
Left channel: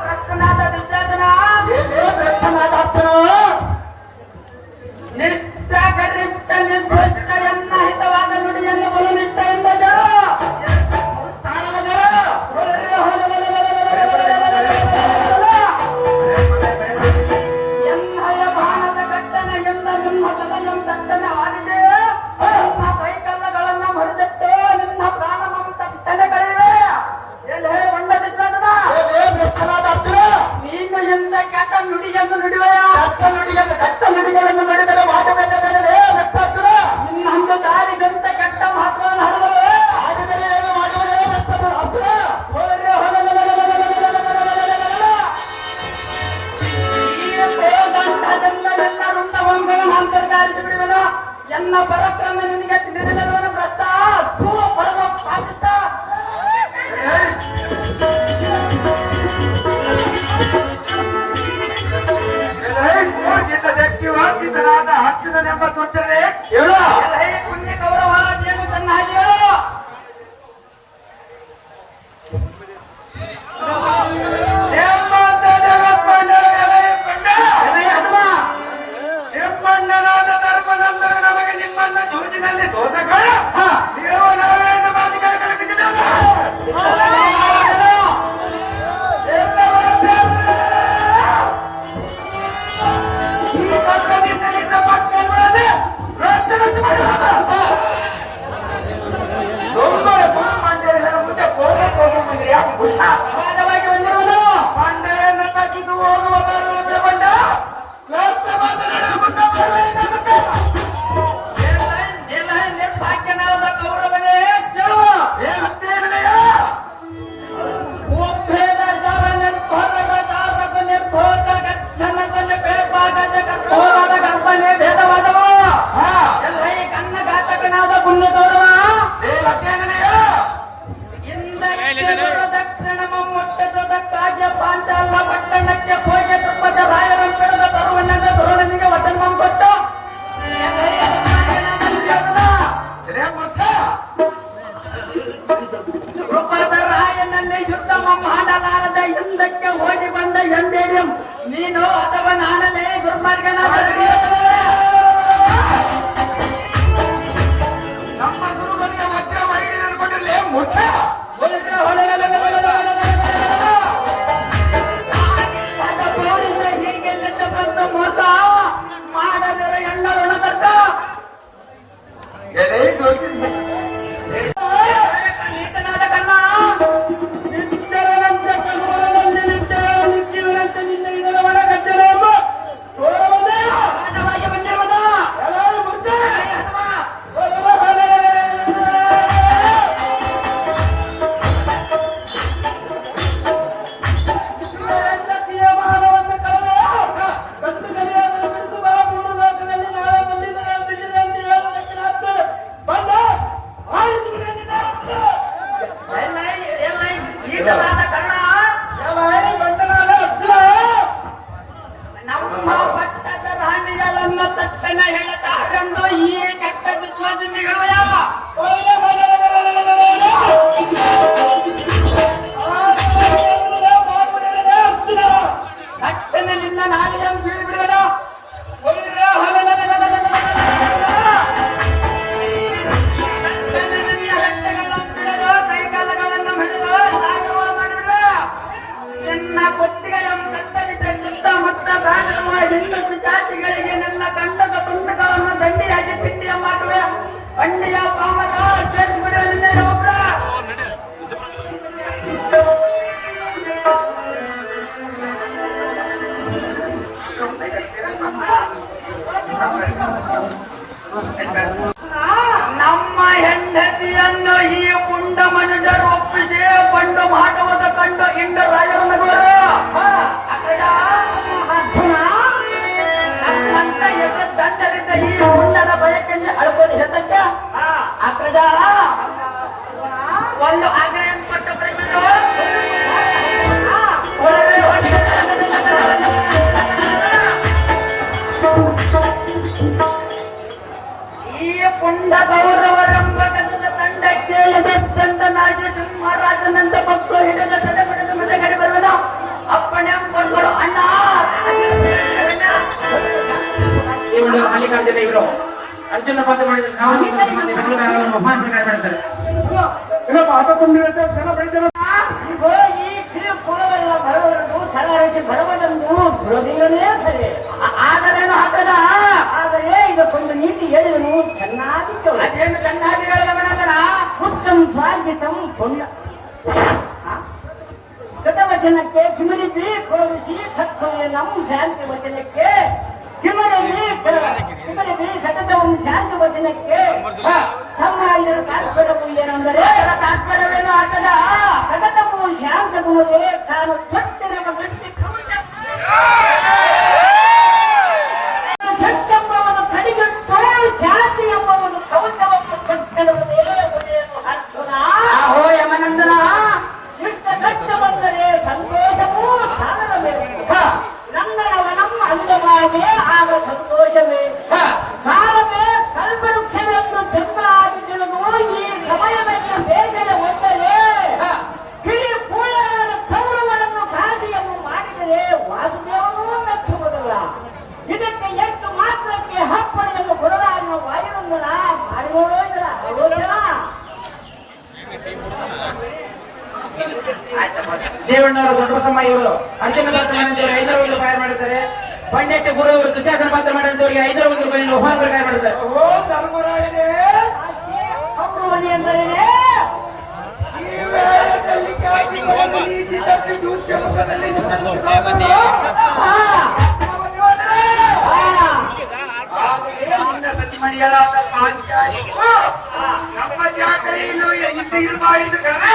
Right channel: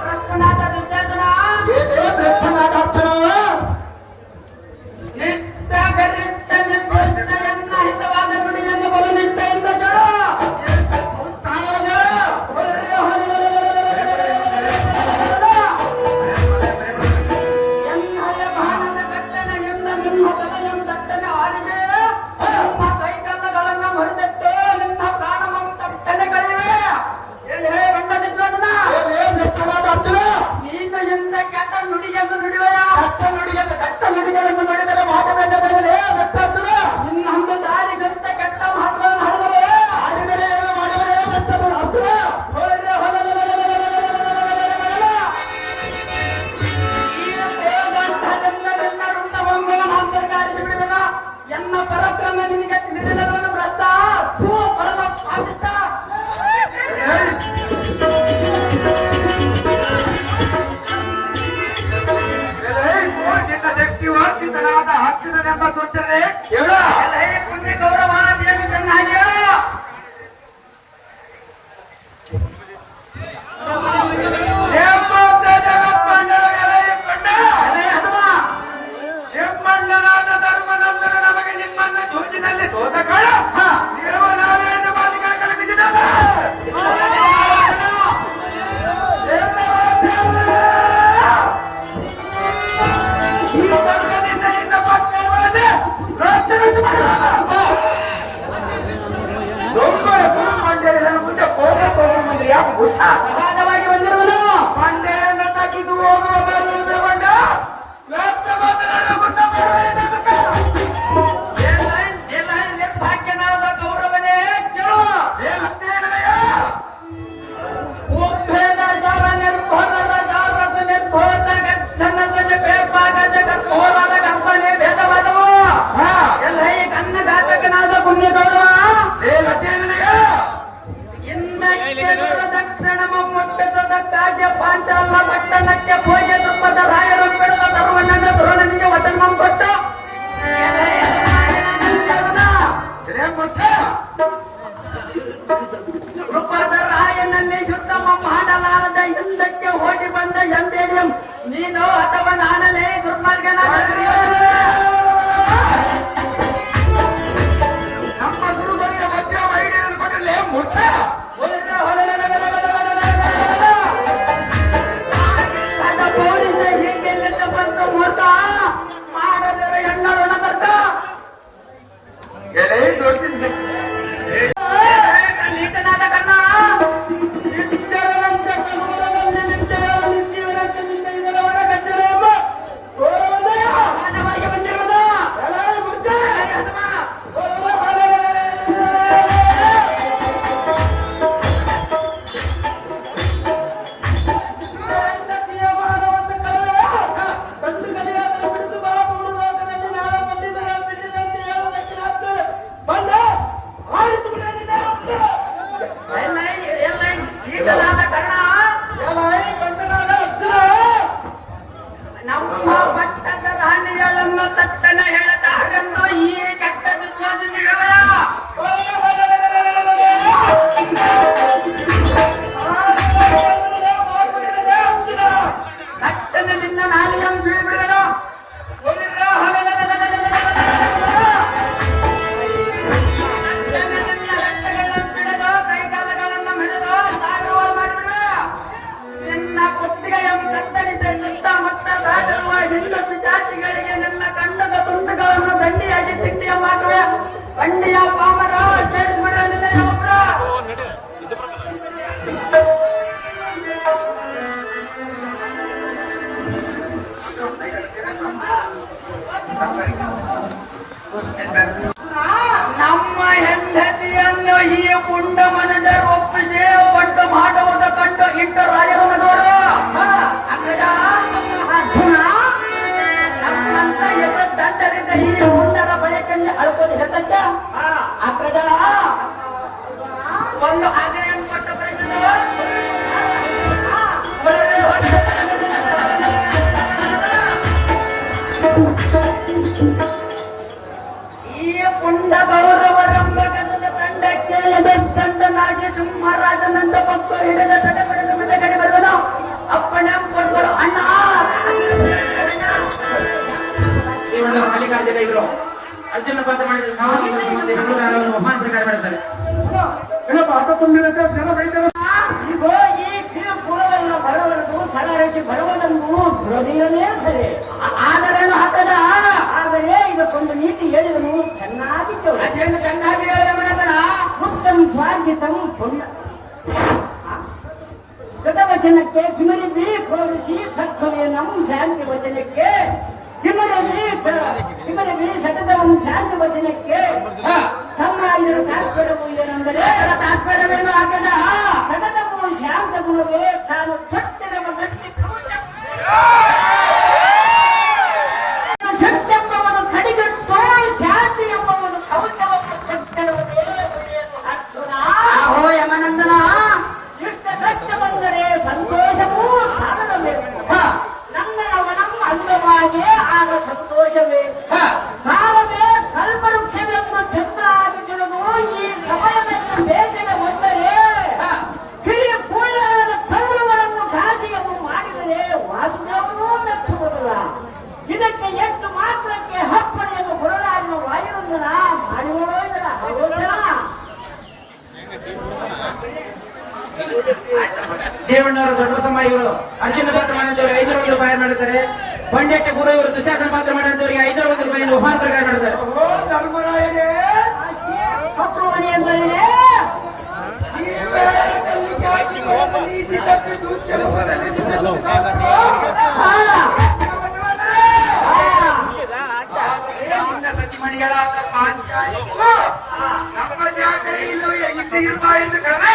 ಪ್ರಶ್ನಾದ ದುಶ್ಯಾಸನ ಭ್ರಷ್ಟನಾದ ಅರ್ಚನ ನಿಷ್ಠ ನಿರ್ಭ್ರಷ್ಟ ಎನ್ನ ಹಿತವಾದ ನುಡಿಯನ್ನು ಬಲು ನಿಷ್ಠ ಎಂದ ಕೇಳು ಎನ್ನಯ ಬಾಣದ ಕಟ್ಟಣೆಯಿಂದ ನಿನ್ನ ತಲೆಯಂ ದಟ್ಟನೆ ಆರಿಸೆ ನಿನ್ನ ಕೈಕಲ್ಲಗಳನ್ನ ಮರಿದಟ್ಟೆ ನಿನ್ನ ಪ್ರಾಣಮಂ ತಟ್ಟನೆ ಕಳೆಯುವೆ ಎಲೆ ಬಂಡ ಚಿತ್ರನ ಭ್ರಷ್ಟನಾದ ಅರ್ಚನ ನೀನು ಎಂದ ಕೆಟ್ಟ ನುಡಿಯನ್ನು ನುಡಿವೆಯ ದಟ್ಟ ನುಡಿಗಳನ್ನು ನುಡಿದರೆ ಮಾಟ ಬೆನ್ನದಲ್ಲೇ ಭ್ರಷ್ಟಾಚಾರ ಇನ್ನೊಂದು ಸಾರಿಗಂತೆ ಕೆಟ್ಟ ಮಾತನ್ನು ಹರಿದರೆ ಆಡಿದರೆ ಏನು ಮಾಡುವರೇ ಭ್ರಷ್ಟದ ಅರ್ಚನ ಅಂತರ್ಗಾರಿಸಿಬಿಡುವನು ಎನ್ನ ಪರಾಕ್ರಮ ನಿನಗೆ ತಿಳಿದಿಲ್ಲವನ ಭ್ರಷ್ಟ ಥೂ ಪರಮ ಪಾಪಿಷ್ಟ ಶಕ್ತಿ ವಂಚಿತನಾದ ಹತ್ತಿದನೆಂಬ ತೋರಿಸಲೇ ಹೇಳ ಪುಣ್ಯ ಗೌರವ ಏನು ಚೆನ್ನಾಗಿ ಹೇಳು ಹೆಮ್ಮಣ್ಣನಾದ ಧರ್ಮನಂತರ ನಮಗೆ ನಿಮ್ಮನ್ನ ಜೂಜಿನಲ್ಲಿ ಸೋತಗಳು ದೇವನಾರಾಯಣ ಬಾಲಿಕೆಗಳ ಬಿದ್ದಿದ್ದಾನ ಈ ಪಕ್ಕದಿಂದ ನಿನ್ನ ಪಕ್ಷಗಳನ್ನು ರಕ್ಷಣೆ ಮಾಡುವಾಗ ದೊಂಬರ ಗುರು ಮಂಡ್ಯದ ಮುಂದೆ ಕೋಗ ಮುಂದೆ ಯಾಕೆ ಬುದ್ಧ ಸಹಜವಾಗಿ ಬಂದಿರುವನು ಮಂಡೆಯನ್ನು ತಗ್ಗಿದು ಹೋಗುವ ಬಿಡಬಂಡ ಮಾತನಾಡುವ ಮುಂದೆ ನಿರ್ಭಾಗ್ಯನಾದ ಗೌರವನೇ ಕೇಳು ಉಪೇದಾಚಾರ ನಿರ್ಭೋರದ ಜಾತಕ ನಿರ್ಭೋದ ಗಚ್ಚನದ ಬೇಕಾಗದ ಕರ್ಪೂರದ ಕಲ್ಪನೆ ಭೇದವಾದವು ಎಲ್ಲ ಈ ಕನ್ನ ಘಾತಕನಾದ ಪುಣ್ಯ ಗೌರವ ದಕ್ಷಿಣ ಮುಟ್ಟಿಸುವುದಕ್ಕಾಗಿ ಪಾಂಚರಲ್ಲ ಪಟ್ಟಣಕ್ಕೆ ಹೋಗಿ ತೃಪ್ಪದ ರಾಯರನ್ನು ಬೆಳೆದ ಧರ್ಮನಂದ ಧೋರಣನಿಗೆ ವಚನ ಕೊಟ್ಟು ತೃಪ್ಪದ ರಾಯನಲ್ಲಿ ಯುದ್ಧ ಮಾಡಲಾರದ ಹಿಂದಕ್ಕೆ ಹೋಗಿ ಬಂದ ಎಂದೇಡಿಯಂ ನೀನು ಅಥವಾ ನಾನನೇ ದುರ್ಮಾರ್ಗನಾದ ನಮ್ಮ ಗುರುಗಳಿಗೆ ವಜ್ರ ಮರಿಗಳನ್ನು ಕೊಟ್ಟರೆ ಮುಖ್ಯ ಹೀಗೆಲ್ಲ ಬಂದು ಮೂರ್ತ ಮಾಡದರೆ ಎಣ್ಣ ಉಣದರ್ಕ ನೀತನಾದ ಕನ್ನ ನಿಚ್ಚರನಂತೆ ಕನ್ನಡದಲ್ಲಿ ನಿಚ್ಚರನಂತೆ ನಿನ್ನ ಇದರ ಒಳಗಜ್ಜರ ತೋರಬಂದ ಮಾನವಾಗಿ ಬಂದಿರುವುದು ನನ್ನ ತಟ್ಟನ ಹೇಳತಾರೆಂದು ಈ ಕೆಟ್ಟ ವಿಶ್ವಾಸಗಳ ತಟ್ಟನೆ ನಿನ್ನ ನಾಲಿಗೆ ಬಿಡಬೇಡ ಕೈಕಾಲಗಳನ್ನು ಮೆರೆದು ಸಾವಿರ ಮಾಡಿಬಿಡ ನಿನ್ನ ಕೊಟ್ಟಿಗೆಯನ್ನು ಕತ್ತರಿಸಿ ಸುತ್ತಮುತ್ತ ಗಾಡಿರುವ ಹಿಂಡು ಪಿಚಾಚಿಗಳಿಗೆ ನಿನ್ನ ಗಂಡದ ತುಂಡುಗಳನ್ನು ದಂಡಿಯಾಗಿ ತಿಂಡಿಯ ಮಾಡುವೆ ಬಂಡಿಯ ಪಾಮರ ಸೇರಿಸಿಬಿಡುವ ನಿನ್ನ ಒಬ್ಬರ ನಮ್ಮ ಹೆಂಡತಿಯನ್ನು ಈ ಪುಂಡ ಮನುಜರು ಒಪ್ಪಿಸಿ ಬಂಡು ಮಾಡುವುದು ಕಂಡು ಇಂಡ ರಾಯರು ನಗುವರು ನನ್ನಂತ ದಂಡರಿಂದ ಈ ಪುಂಡದ ಬಯಕೆಂದು ಅಳ್ಬೋದು ಹೆತ್ತಂತೆ ಅಕ್ರಜ ಒಂದು ಆಗ್ರಹ ಕೊಟ್ಟು ಬರೀತದ ಈ ಪುಂಡ ಗೌರವರೆಂಬ ಗಜದ ತಂಡಕ್ಕೆ ತಂಡನಾಗಿ ಸಿಂಹರಾಜನಂತ ಭಕ್ತ ಹಿಡಿದ ಸದೆ ಪಡೆದ ಮತ್ತೆ ಕಡೆ ಬರುವನು ಅಪ್ಪಣೆ ಕೊಡ್ಕೊಡು ಅಣ್ಣ ಮಲ್ಲಿಕಾರ್ಜುನ ಇವರು ಅರ್ಜುನ ಪಾತ್ರ ಮಾಡಿದ ಸಾಮಾಜಿಕ ಮಹಾನ್ ಪ್ರಕಾರ ಮಾಡಿದ್ದಾರೆ ಆಟ ತುಂಬಿರುತ್ತೆ ಜನ ಬೈತಾರೆ ಈ ಕಿರುಪುರದಲ್ಲ ಬರುವವರೆಗೂ ಚಲರಿಸಿ ಬರುವುದನ್ನು ಬಿಡೋದಿಲ್ಲವೇ ಸರಿ. ಆದರೇನು ಹಾಕದ ಆದರೆ ಇದಕ್ಕೊಂದು ನೀತಿ ಹೇಳಿದನು ಚೆನ್ನಾಗಿ ಕೇಳಿ. ಅದೇನು ಚೆನ್ನಾಗಿ ಹೇಳಿದವನಂದನ ಉತ್ತಮ ಸ್ವಾರ್ಜಿತಂ ಪುಣ್ಯ ಶತವಚನಕ್ಕೆ ಕಿಮರಿಬಿ ಕೋರಿಸಿ ತತ್ವಯ ನಮ್ಮ ಶಾಂತಿ ವಚನಕ್ಕೆ ಕಿಮರಿಬಿ ಸತತಂ ಶಾಂತಿ ವಚನಕ್ಕೆ ತಮ್ಮ ಇದರ ತಾತ್ಪರ್ಯವು ಏನೆಂದರೆ ತಾತ್ಪರ್ಯವೇನು ಹಾಕದ ಸತತವು ಶಾಂತ ಗುಣವೇ ತಾನು ತೊಟ್ಟಿರುವ ವ್ಯಕ್ತಿ ಶಕ್ತೆಂಬವನು ಕಡಿಗಟ್ಟು ಶಾಂತಿ ಎಂಬವನು ಕವಚವನ್ನು ತೊಟ್ಟಿರುವುದೇ ಒಳ್ಳೆಯದು ಅರ್ಜುನ. ಆಹೋ ಯಮನಂದನ ಇಷ್ಟ ಕಷ್ಟ ಬಂದರೆ ಸಂತೋಷವೂ ಕಾಣಬೇಕು. ನಂದನವನಂ ಅಂದವಾಗೇ ಆಗ ಸಂತೋಷವೇ ಕಾಲವೇ ಕಲ್ಪವೃಕ್ಷವೆಂದು ಚೆನ್ನಾಗಿ ತಿಳಿದು ಈ ಸಮಯದಲ್ಲಿ ಬೇಸರ ಒಂದರೆ ಕಿರಿ ಪೂರ್ಣರಾದ ಕೌರವರನ್ನು ಕಾಶಿಯನ್ನು ಮಾಡಿದರೆ ವಾಸುದೇವನೂ ಮೆಚ್ಚುವುದಿಲ್ಲ. ಇದಕ್ಕೆ ಎಷ್ಟು ಮಾತ್ರಕ್ಕೆ ಹಪ್ಪಣೆಯನ್ನು ಕೊಡಲಾಡಿನ ವಾಯುವಂದನ ಮಾಡಿಕೊಳ್ಳೋ ಇದರ ಆಲೋಚನ. ದೇವಣ್ಣವರ ದೊಡ್ಡ ಸಮ ಇವರು ಅರ್ಜುನ ಪಾತ್ರ ಮಾಡಿದವರಿಗೆ 500 ರೂಪಾಯಿ ಮಾಡುತ್ತಾರೆ. ಬಂಡೆಟ್ಟ ಗುರು ಇವರು ದುಶ್ಯಾಸನ ಪಾತ್ರ ಮಾಡಿದವರಿಗೆ 500 ರೂಪಾಯಿ ಮಹಾನ್ ಪ್ರಕಾರ ಮಾಡುತ್ತಾರೆ. ಓ ಧರ್ಮರಾಯರೇ ಕೌರವನಿ ಅಂದರೆ ಈ ವೇಳದಲ್ಲಿ ಖ್ಯಾತಿ ಪಡೆದ ನೀತಿ ತಪ್ಪಿದ್ದು ಉದ್ಯಮದಲ್ಲಿ ನಿಮ್ಮ ನಿನ್ನ ಸತಿಮಣಿಗಳಾದ ಪಾಂಚಾಲಿಗೂ ನಮ್ಮ ಜಾತ್ರೆಯಲ್ಲೂ ಇಲ್ಲಿ ಇರುವ ಎಂದು ಕರೆದ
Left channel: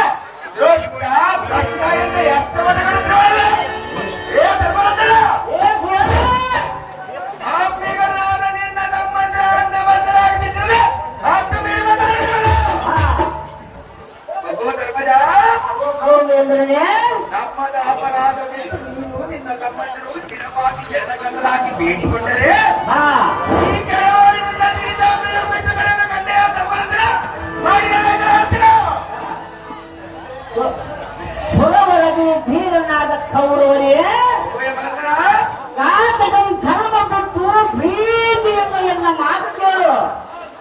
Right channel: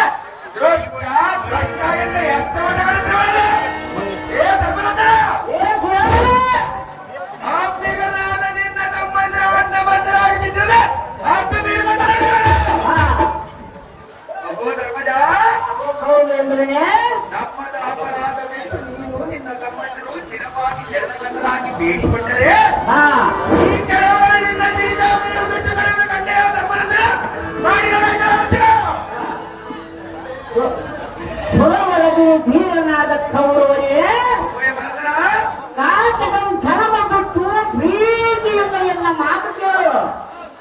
ದೊಡ್ಡ ದೊಡ್ಡ ಎಂದ ಎಷ್ಟವನ್ನು ಕರೆದಿರುವಲ್ಲಿ ಏ ಧರ್ಮನಂದನ ಆತ್ಮೀಗರಾದ ನಿನ್ನ ತಮ್ಮಂದಿರ ಅಣ್ಣ ಬಂದರಾಗಿದ್ದರೆ ಧರ್ಮಜ ಎಂದರೆ ನಮ್ಮದ ಅಪರಾಧದಲ್ಲಿ ನೀನು ನಿನ್ನ ತಮ್ಮಂದಿರು ಸ್ಥಿರವಾಗಿ ಎಲ್ಲದನ್ನಾಗಿ ಬೇಡಿಕೊಂಡರೆ ಈ ಕೆಳವಳಿಯಿಂದ ನಿರಿದಾಮೆಯ ಮೆಚ್ಚುಗಳನ್ನು ಕಂಡೆಯ ಧರ್ಮನಂದನ ಮಾಡಿದ ಸುಲಭರದಿ ಧೀರನಾದ ಕೌರವನೇ ಮನಂದನ ಕಾತಕಂ ಧರ್ಮ ಬಿಟ್ಟು ಪ್ರೀತಿಯಿಂದ ಎನ್ನ ಮಾತು ಕೇಳು.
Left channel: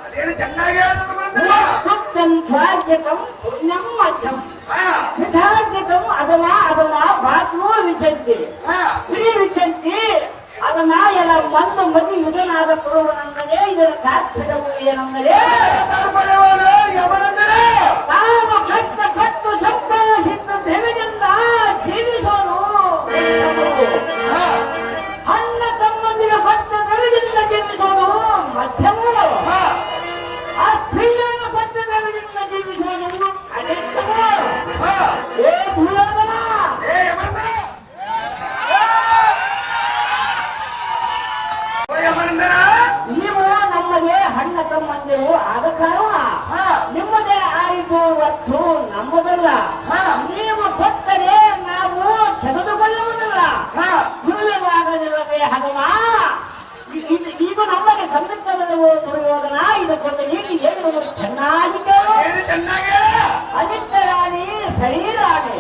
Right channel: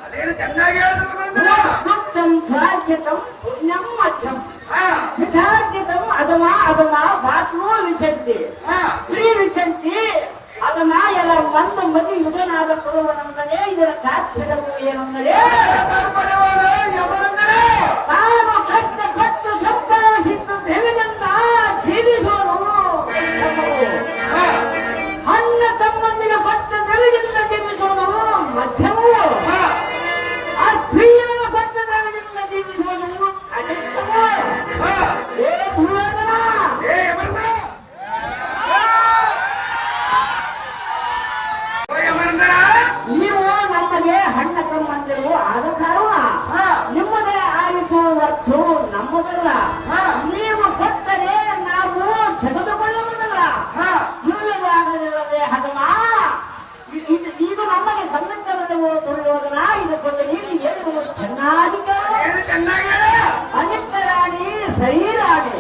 ಅದೇನು ಚೆನ್ನಾಗಿ ಹೇಳಿದ್ರು ಮನಂದನ ಮತ್ತಂ ಸ್ವಾರ್ಜಿತಂ ಪುಣ್ಯಂ ಮಧ್ಯಂ ವಿಚಾರ್ಜಿತಂ ಅಧಮ ಅಧಮ ಭಾತ್ವೋ ವಿಚಂತಿ ಶ್ರೀ ವಿಚಂತಿ ಅಧಮ ಎಲ್ಲ ಬಂದು ಮತಿ ಯುಧನಾದ ಕೌರವನೆಂದರೆ ಇದರ ತಾತ್ಪರ್ಯವು ಏನೆಂದರೆ ಯಮನಂದನ ತಾನು ಕಷ್ಟಪಟ್ಟು ಸಂಪಾದಿಸಿದ್ದು ದ್ರವ್ಯದಿಂದ ಜೀವಿಸೋನು ಅಣ್ಣ ತಮ್ಮಂದಿಗೆ ಪಟ್ಟ ದ್ರವ್ಯದಿಂದ ಜೀವಿಸೋನು ಮಧ್ಯಮು ಆ ಪ್ರಿಯ ಪಟ್ಟ ದ್ರವ್ಯದಿಂದ ಜೀವಿಸೋನು ಕನಿಷ್ಠವು. ಏ ದುರ್ಯೋಧನ ಏ ಯಮನಂದನ ಯಮನಂದನ ನೀವು ನಮಗೆ ಅಣ್ಣ ತಮ್ಮಂದಿರು ಆದ ಕಾರಣ ನಿಮ್ಮದೇ ಆಯಿತು ಹೊತ್ತು ನಮ್ಮದಲ್ಲ. ನೀವು ಕೊಟ್ಟರೆ ನಾವು ತೆಗೆದುಕೊಳ್ಳುವುದಿಲ್ಲ. ಜೀವವಾಗಲಿಲ್ಲವೇ ಹನುಮ? ಈಗ ಕೇಳುವ ದುರ್ಯೋಧನ ಇದಕ್ಕೊಂದು ನೀತಿ ಏನು ಚೆನ್ನಾಗಿ ಕೇಳು. ಏನು ಚೆನ್ನಾಗಿ ಹೇಳ. ಅನಿತ್ಯ ರಾಣಿ ಶರೀರಾಣಿ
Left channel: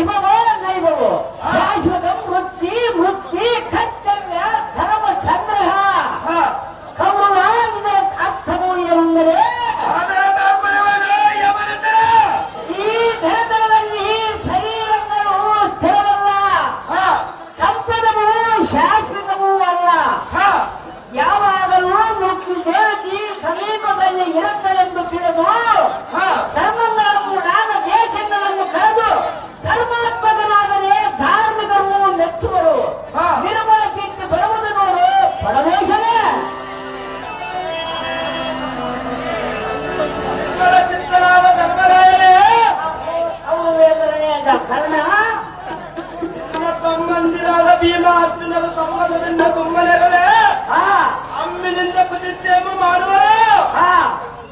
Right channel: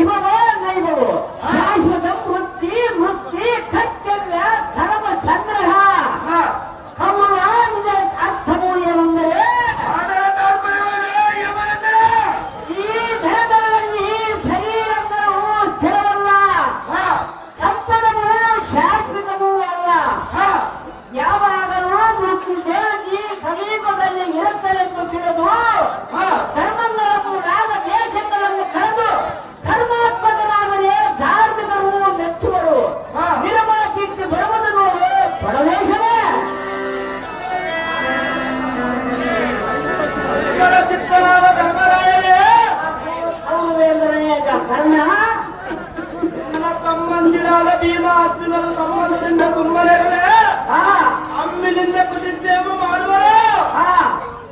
ಇವವೋ ನೈವವೋ ಶಾಶ್ವತ ವೃತ್ತಿ ವೃತ್ತಿ ಕರ್ತವ್ಯ ಧರ್ಮ ಸಂಗ್ರಹ ಕೌರವ ಅರ್ಥವು ಏನೆಂದರೆ ಈ ಧನದಲ್ಲಿ ಶರೀರಗಳು ಸ್ಥಿರವಲ್ಲ, ಸಂಪದವು ಶಾಶ್ವತವೂ ಅಲ್ಲ. ಯಾವಾಗಲೂ ಮೃತ್ಯುದೇವತಿ ಸಮೀಪದಲ್ಲಿ ಇರುತ್ತಳೆಂದು ತಿಳಿದು ಧರ್ಮಗಳನ್ನು ರಾಗ ದೇಶಗಳನ್ನು ಕಳೆದು ಧರ್ಮಾತ್ಮಕನಾದರೆ ಧಾರ್ಮಿಕರು ಮೆಚ್ಚುವರು. ನಿರ್ಮಲ ಕೀರ್ತಿ ಬರುವುದು ನೋಡು ಪರಮೇಶನೇ. ಚಿತ್ತನಾದ ಧರ್ಮರಾಯನೇ, ಅವನು ಎಂದರನೇ ಕರ್ಣ. ನನ್ನ ತಮ್ಮಂದಿರಾದ ಭೀಮ ಅರ್ಜುನರ ಸಂಬಂಧದಿಂದ ಸುಮ್ಮನೆರವೇ ಅಮ್ಮಿನಿಂದ ಕುತಿಷ್ಠೆಯನ್ನು ಮಾಡುವರು.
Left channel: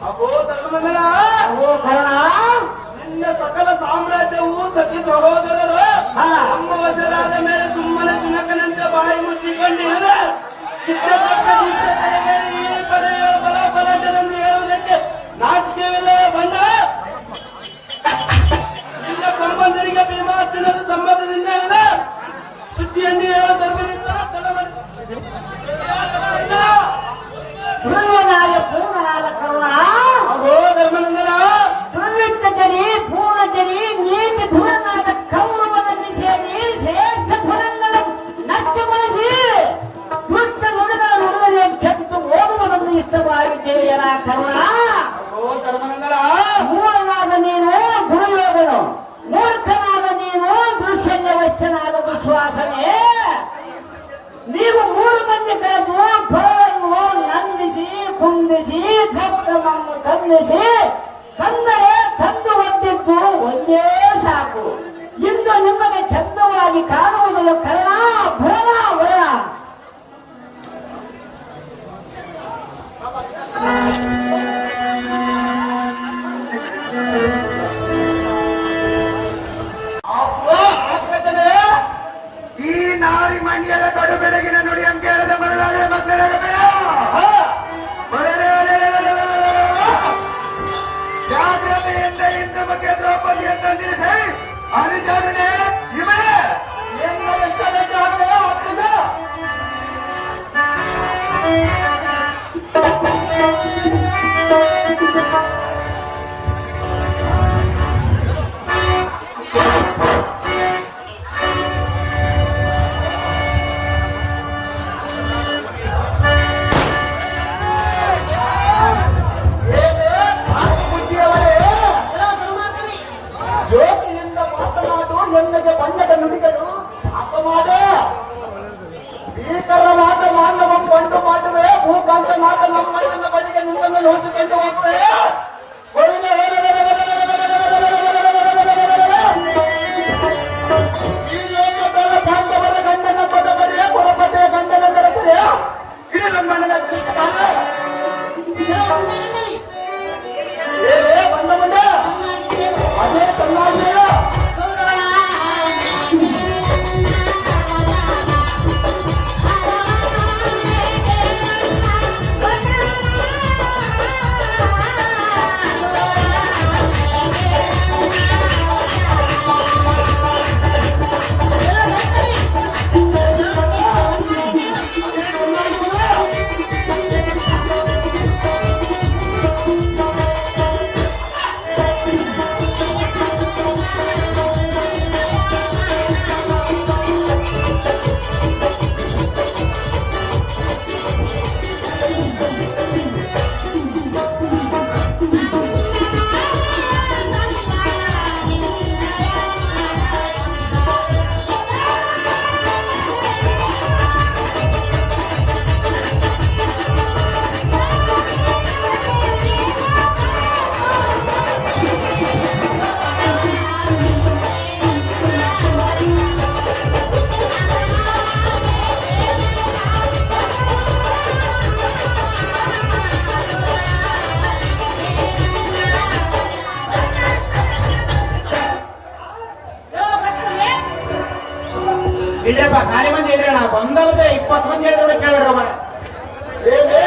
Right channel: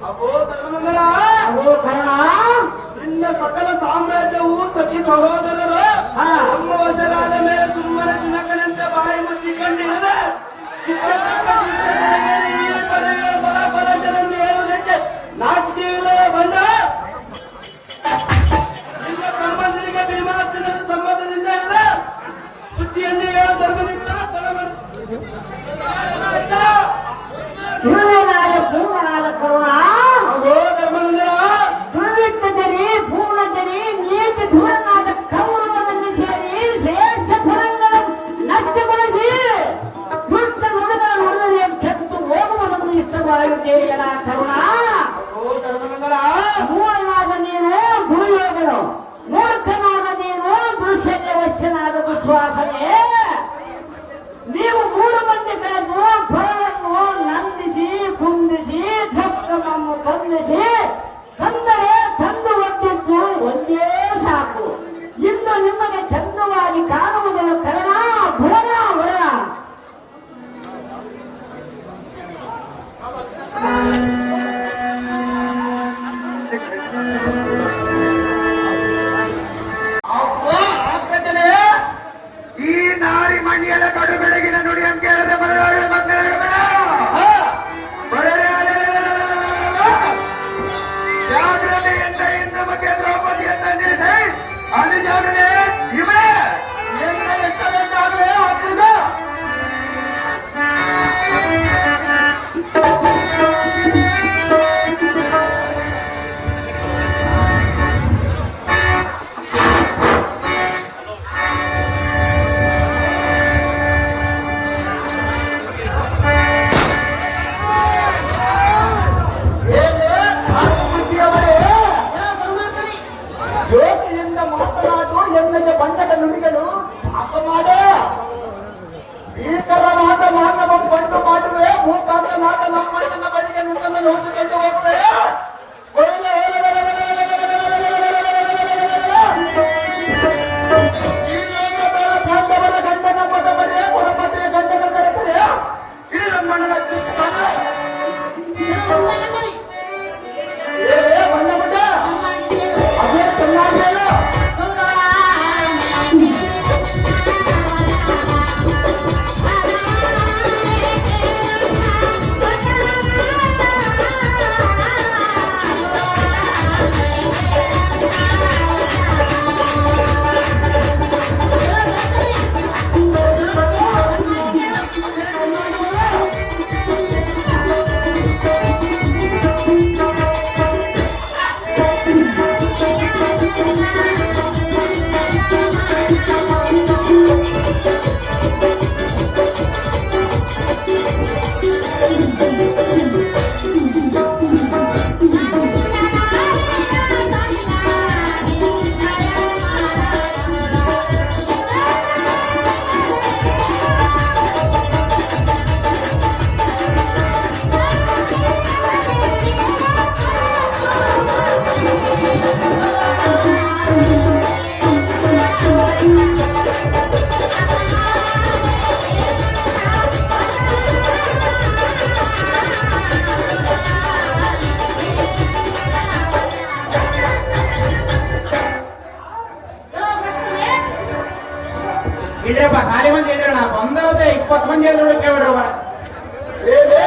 ಅಗೋ ಧರ್ಮನಂದನ, ಅವೋ ಕರ್ಣ, ನಿನ್ನ ಸಕಲ ಸಾಮ್ರಾಜ್ಯವು ಸತಿ ಸಹೋದರರು ನಮ್ಮ ವಶರಾದ ಮೇಲೆ ಸುಮ್ಮನೆ ಶುನಕನಂತೆ ಬಾಯಿ ಮುಚ್ಚಿಕೊಂಡಿರದೆ ಕಿಚ್ಚತಕ್ಕ ದುಶ್ಚತನೆಗೆ ಈ ಪಡೆಯುವ ಬಲಾಬಲತೆಯನ್ನು ಹೇಳುವುದಕ್ಕೆ ನಾಚಿಕೆವಿಲ್ಲ ಬಂದ. ನಿನ್ನ ಸಂಬಂಧರಿಗೆ ಭೀಮಾರ್ಜುನರ ಸಂಬಂಧದಿಂದ ಸುದ್ದಿಯನ್ನು ಹೇಳು ಧರ್ಮದಿಂದ ಧ್ರುವನಾದ ಪೂರ್ಣನಾದ ಕರುಣ. ಅಗೋ ಧರ್ಮನಂದನ, ದುರ್ವಿತ್ತ ಜರಿ ಪೂರ್ಣ ಜರಿ ನೀತಿ ಧುರನಾದ ಕೌರವನಲ್ಲಿ ಸೇರಿ ಶ್ರೇಷ್ಠ ಫಲಗಳನ್ನು ನಷ್ಟಗೊಳಿಸಿ ದುಷ್ಟ ನುಡಿಗಳ ನುಡಿದರೆ ಕೆಟ್ಟು ಹೋಗುವುದನ್ನು ಇಷ್ಟವಾಗುತ್ತೇಯಲ ಕರುಣ. ಅಗೋ ಧರ್ಮನಂದನ, ಮೂಢನಾದ ನೀನು ದುರ್ಯೋಧನು, ಮೂರ್ಖನಾದ ನೀನು ದುಶ್ಯನ್ಯವಶ್ಯನಾದ ದುಶ್ವಾಸನೆ. ನೀವು 3 ಮಂದಿ ಕಳೆದು ಫಲವನ್ನು ನಂದಿಸಿ ಕುಂದಿಸಿ ಧಕ್ಕಮನ್ನು ತಂದಿಸಿ ತಂದರೆ ತಂದು ಒದ್ದಿದ್ದು ಒಂದೇ ಸಾಕು. ಇಂದು ನಿಮಗೆ ಚಂದವಾಗಿ ಕಾಣುವುದಿಲ್ಲ ಕರ್ಣ ಭುವನ ವರ್ಣ. ಈ ನಾರಿ ಮಂಡಿಯದ ಕಡು ಬೆಳಗಿನ ನುಡಿಯಂ ಕೇಳದೆ ಮರಳಾಡ ಮಕ್ಕಳಾಗ ಬೇಡ ಜಾಗೃತಿಯಿಂದ ಇಂದು ಮತ್ತೆ ದ್ರೌಪದಿಯನ್ನು ನಿಲ್ಲಿಸಿ ಅನುಜಾಗೃತಿ ಇವಳೇ ಜ್ಯೋತಿಯಿಂದ ಮಾತನಾಡು ಎನ್ನಗೆ ಬಣ್ಣದ ನುಡಿಗಳು ಅಪಮಾಡ ಭೀಕರ ಮಾಟ ಮಾನವ ಕೊಂಡು ಮಾಡುವೆ ಭೂಕಾಂತ ಮಾಟ ನಮ್ಮ ಬಳಿಗೆ ನಿನ್ನನ್ನು ನೋಡಿಕೊಂಡು ಹೋಗುವೆ. ಈ ಲೋಕದ ಪಾಂಡವರ ಗಂಡನ ಪದ ಬರೆಯ ಪುರಪತಿಯ ಗಂಡನ ಬೆಳಕರೆ ಈ ನಮ್ಮಣ್ಣನ ಚಿತ್ತಾನೆ ಏನೇ ಬಣ್ಣ ಬಣ್ಣ ಅದೇ ಚೆನ್ನಾಗಿಲ್ಲ. ಇಡ್ರಪ್ಪ ಖಾಲಿ ಮಂದಿ ಇಡ್ರಣ ಬಂದಲ್ಲದೆ 20 ಮಂದಿ ಹೇಳಿದ್ರೆ ಕೇಳ್ಬಿಡ್ರಪ್ಪ. ಏನೇ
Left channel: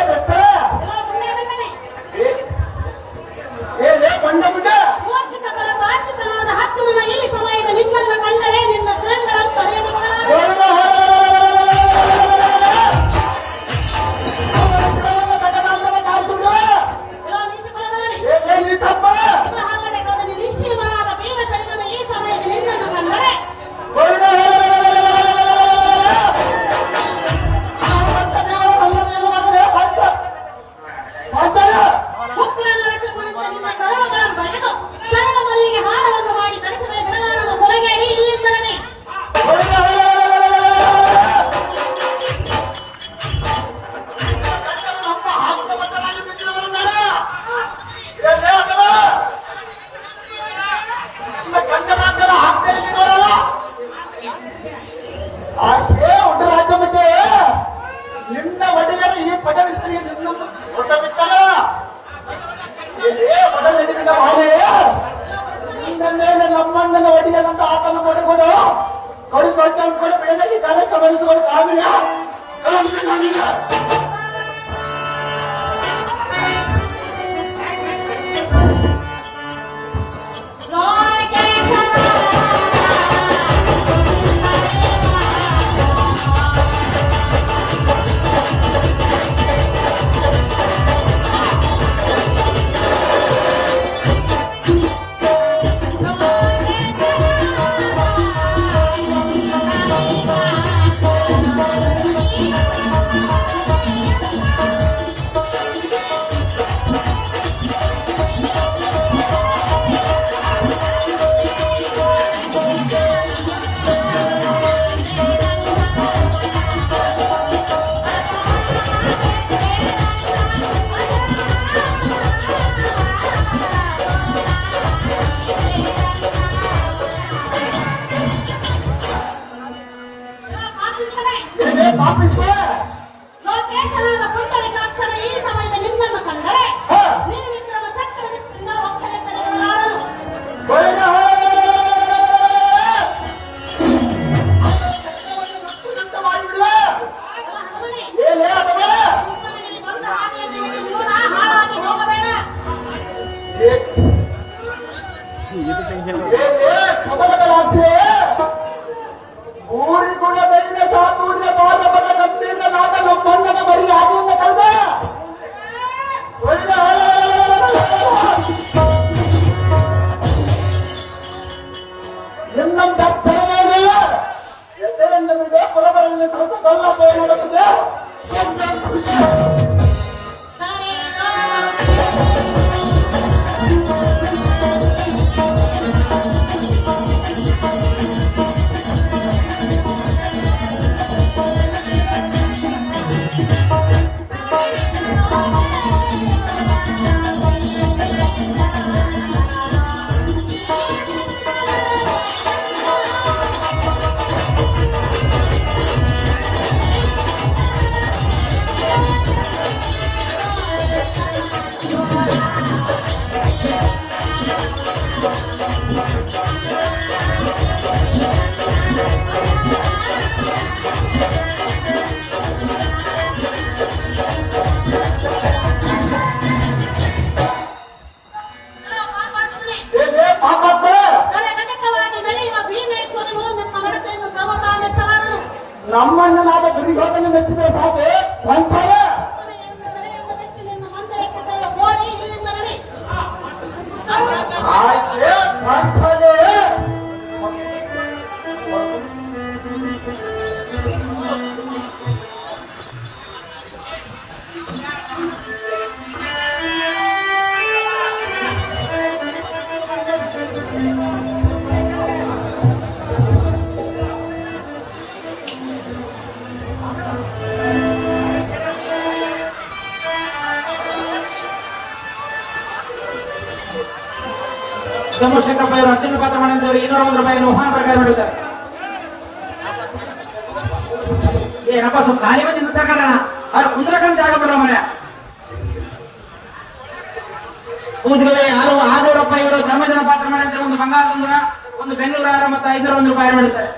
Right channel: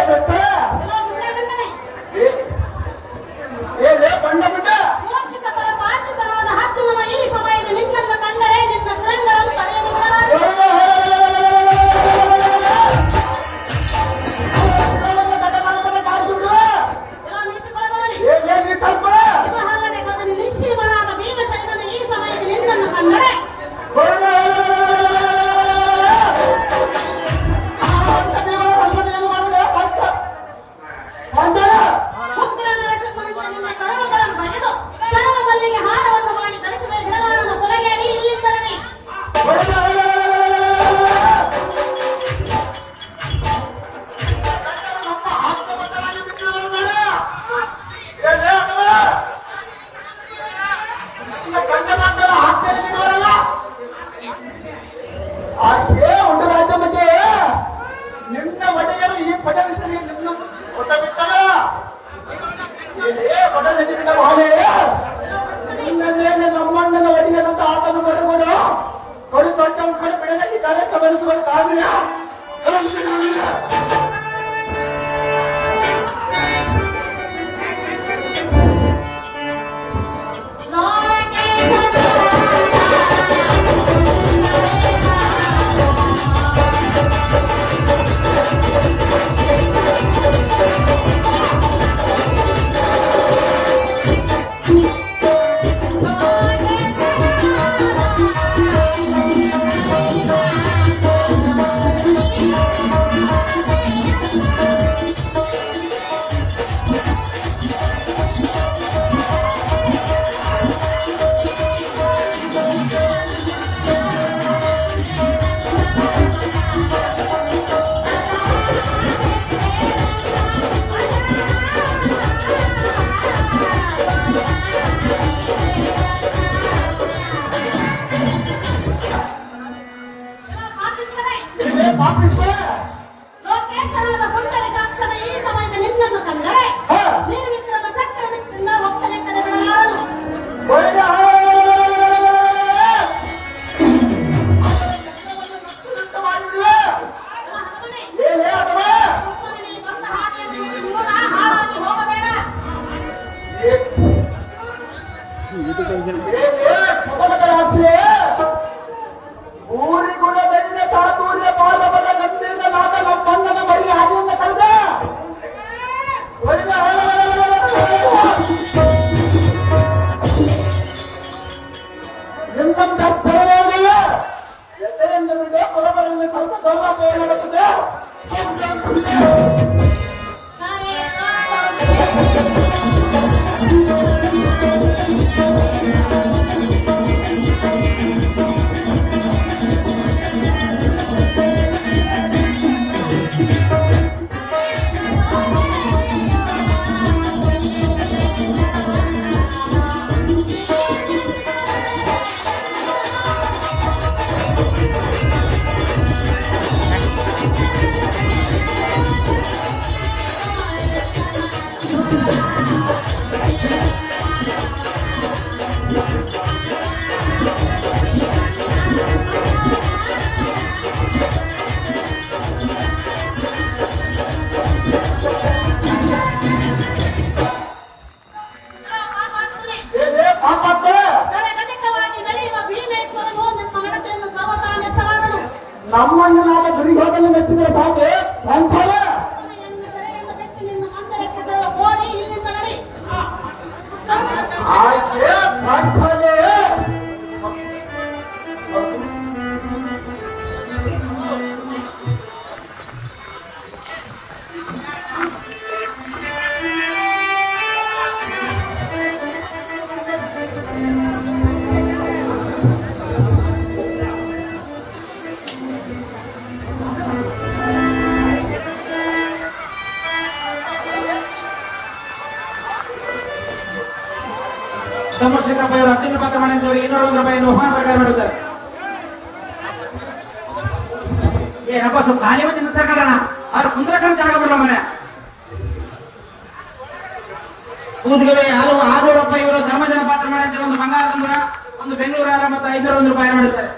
ಊರಿಗೆ ನಿನ್ನ ಹೊಸ ಬಿಟ್ಟರ ಬಡಲಿನ ಬಾಲೆ ನಿನ್ನ ಮೇಲೆ ನಮ್ಮಣ್ಣನ ಒಡೆಯನಂತ ಆತನು ಪಡೆಗಳು ಕೊಡು ದೊಡ್ಡ ಕೂಡ ಬೆಳೆದಲ್ಲಿ ಕಾಲಕ್ಕೆ ಬೆಳೆದುಕೊಂಡು ಕಾಣಿಲ್ಲ ಲೋಕೇಶನಾದ ಪುಂಡಲಿಕಾಕ್ಷನ ಈ ಸಮಯದ ನಿಮ್ಮನ್ನು ಕಂಡರೆ ನೀನು ವಿಕ್ರಮ ಚಕ್ರದಿಂದ ಒಕ್ಕಲೆಕ್ಕದೆ ಬಿಡಲಾರನು. ಸುಮ್ಮನೆ ಬಂದ ಹಾದಿಯಲ್ಲಿ ಮೂಡ ಹಾಳಾಗಿ ಹೋಗಬೇಡ. ಊರಿಗುಣ ಧೈರ್ಯ ಚಾತುರ್ಯ ಪಾರ್ವತ ಗಂಭೀರ ನಾಟ ನಮ್ಮಣ್ಣನ ಬಳಿ ಹಾಗೆಯಿಂದ ಕಂಡ ಎಲ್ಲ ದರ್ಶನವೇನೆಯ ಎದೆಯನ್ನು ಬಿಟ್ಟು ಪರಬರಲ್ಲಿ ಸ್ವಲ್ಪ ಕಲ್ಲ ಹೋರಾಡುತ್ತದೆ. ನಮ್ಮಣ್ಣನಾದ ದುರ್ಯೋಧನ ಮೆಚ್ಚಿದರೆ ಸಾಕು ವಂಚನ ಆಕೆ ವಂಚನೆ. ಸೋಮಶೇಖರ ಅವರು ಅಂತಿಮ ಪಾತ್ರ ಮಾಡಿದವರಿಗೆ 201 ರೂಪಾಯಿಯನ್ನು ಆಹ್ವಾನ ಪ್ರಕಾರ ಮಾಡಿದ್ದಾರೆ. ಏನಪ್ಪ ಸ್ವಲ್ಪ ಖಾಲಿ ಮಂದಿ ನಿಲ್ಸಕಾರಣ ಅವ್ರ ಕುಂದ್ರಕಂತ ಜಾಗ ಬಿಡೋ ಮನೆ ಕೂದ್ಗವೆ 600 ರೂಪಾಯಿ ಇವರು ಧರ್ಮಜನ ಪಾತ್ರ ಮಾಡಿದ್ರೆ ಒಂದು ಬಂಗಾರದಿಂದ ಒಂದು ಬೆಂಗಳೂರು ಆರ ಮತ್ತು 501 ರೂಪಾಯಿ ಮಾಡಿದ್ದಾರೆ.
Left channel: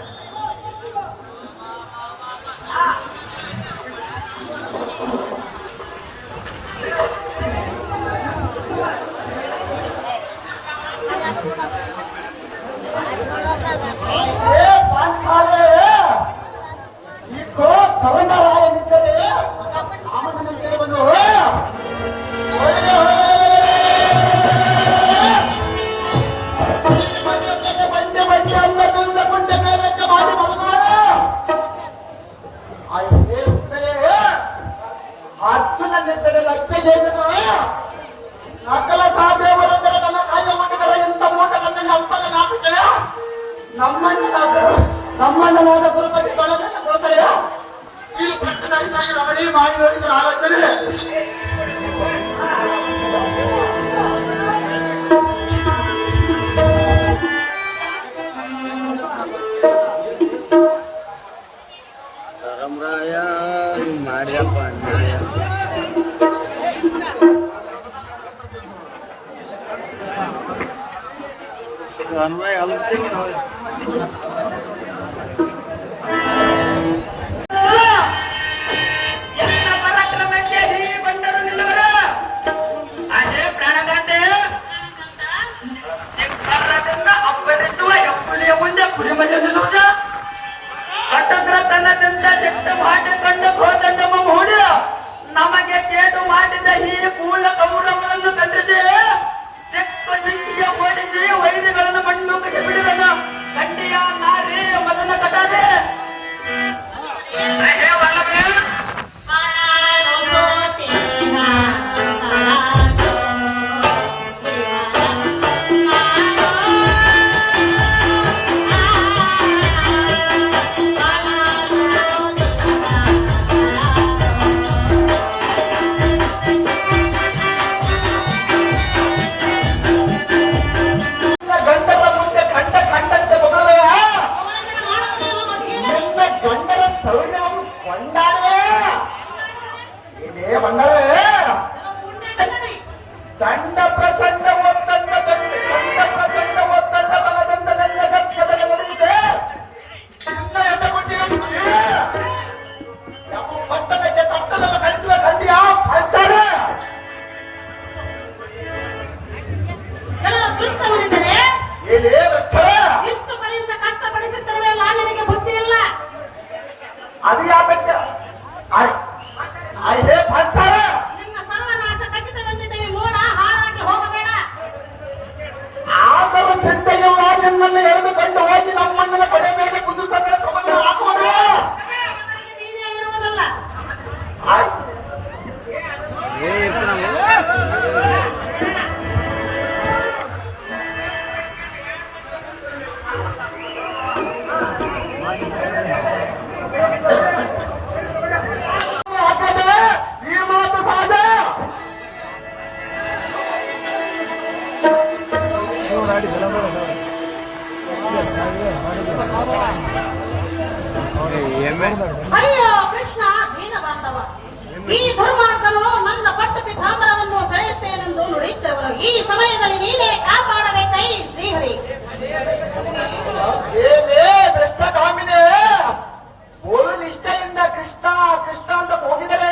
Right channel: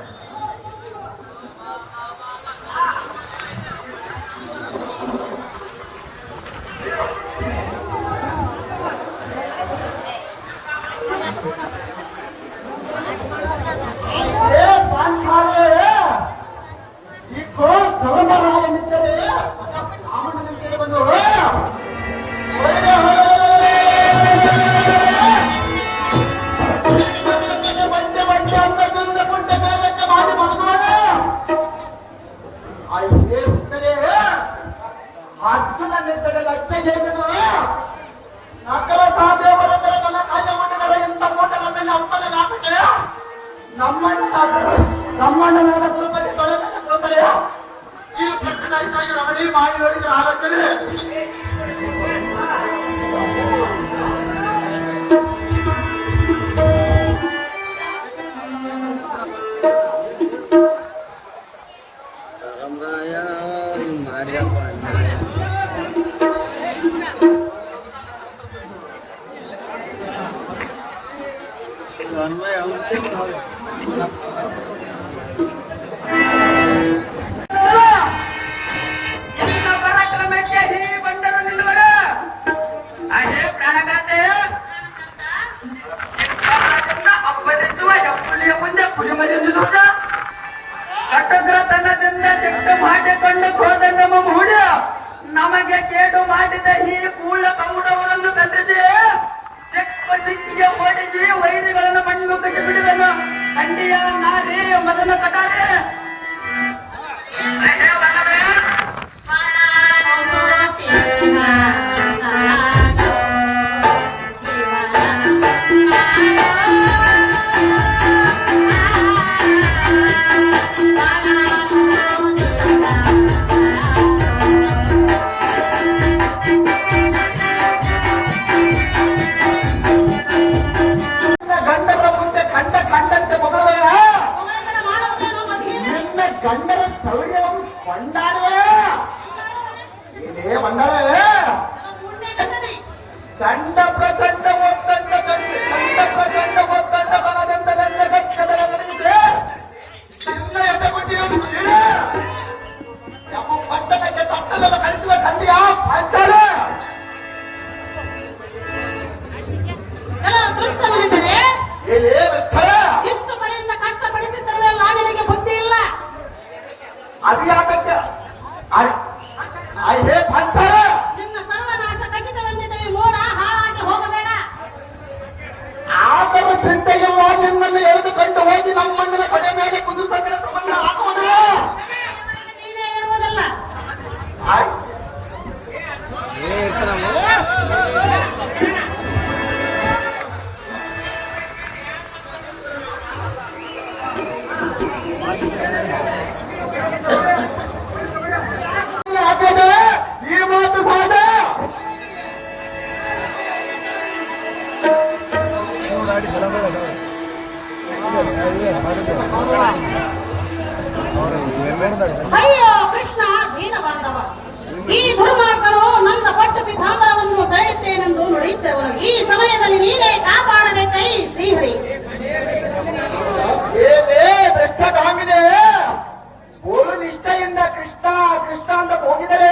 ನಮ್ಮಣ್ಣನಾದ ಗುರುಪಟ್ಟಿ ಕೊಡ ಮೇಲೆ ಕೊಡ್ತಾರೆ. ಈ ಪ್ರಶ್ನೆಗಾಗಿ ರಮಣಿ ಮಾಡಿ ಹೊಡಿದ್ರೆ ಆಲೋಚನೆ Ramraya Maria Pandya ಎಲ್ಲ ಪರಾಕ್ರಮಕ್ಕೆ ಈ ಬಂದರು ನಿಲ್ಲುವರ ಅದೇ ಪ್ರಾಣಗಾಂಧಿ ಕರ್ಣದಿಂದ ಅಬ್ಬರಿಸುವ ಹೆಬ್ಬುಲಿಯ ಮುಂದೆ ಕುರಿಮನೆ ನಿಲ್ಲುವುದ ಕಟ್ಟದ್ರ ತನ್ನದಿಂದ ಸಿಟ್ಟು ಮಾಡಿಕೊಂಡು ಕೋದಂಡಮ ಮೂಡ ನಮಗೆ ಕೇಡು ಮಾಡಿದ ಈ ಮೂಲ ಕೌರವರನ್ನು ಖಂಡಿಸಿ ತೆಕ್ಕ ಜಿಂಕಿಗೆ ಓಡಿಸಿ ವೈರಿಗಳನ್ನು ಮಣ್ಣು ಕಸಿ ಬಿಡುವನ ಕಂಡಿಯ ನಾರಿ ಮದನ ಕಟಾರೆ ಗಂಡರ ಮುಂದೆ ಕಂಡಂತೆ ಮಗಳವೇ ನಿನ್ನ ಗಂಡರ ಸೌರ್ಯವನ್ನು ಕೊಂಡಾಡುವೆ ಇಲ್ಲೇ ಮಂಗಳೇ ಚಂಡ ಪ್ರಚಂಡ ಒತ್ತಂಡ ಚಂಡ ಪ್ರಚಂಡ ಒತ್ತಂಡ ಬಲದಂಡದಲ್ಲ ಗರ್ಕದನ ಗಡಿಗೆ ಸುಮ್ಮನೆ ಎಟಗುಟ್ಟಿಯನ್ನು ನಮ್ಮ ಪಟ್ಟಣಕ್ಕೆ ತಟ್ಟಲನ್ನು ಕಳಿಸುವ ತಂದೆಯ ಪಂಚಾಲ ಏನೇ ಸ್ಥಳ ಇಷ್ಟು ಪರ್ಯಂತ ಕಷ್ಟಪಡಿಸುತ್ತಿರುವೆಲ್ಲ ನಿನಗೆ ಬುದ್ಧಿ ಇಲ್ಲ. ಅದು ಯಾಕಂತ ಹೇ ಪಂಚಾಲ ನಿನ್ನ ಸರ್ವನಾಶ ಖಚಿತವೆಂದು ತಿಳಿ ಮೋಡ ಹಾಳಾಗಿ ಹೋಗಬೇಡ. ಆದರ ಚಿಂತೆಯಲ್ಲ ನಿನ್ನಲ್ಲಿ ಎಳೆದುಕೊಂಡು ಹೋಗಿ ನಮ್ಮನ್ನೆಲ್ಲ ಕಡೆ ಮೇಲೆ ಕುಂದಿಸಂಗಡ ಸಮಾಧಾನ ಹಾಕುವುದಿಲ್ಲ. ಅವರಿಗೆ ನೀನೇ ಇರುವುದಲ್ಲ. ಈ ಮಾತು ಸಹಜ. ಅಯ್ಯೋ ಕೃಷ್ಣ ದೀನ ಬಾಂಧವ, ಈ ದುರ್ಮಾರ್ಗನು ನನ್ನ ಪಟ್ಟು ಪಿತಾಂಬರವನ್ನು ಸೆಳೆಯುತ್ತೇನೆಂದು ನುಡಿಯುತ್ತಿರುವನು. ಈ ಸಮಯದಲ್ಲಿ ನೀನೇ ಕಾಪಾಡಬೇಕೈ ಶ್ರೀಹರಿ. ಏನೇ ಭ್ರಷ್ಟಗಾಮಿನೇ, ಬೋಲು ನಿಷ್ಠೆಯಿಂದ ಕೃಷ್ಣ ಕೃಷ್ಣ ಅಂತ ಹೋಗಿದರೆ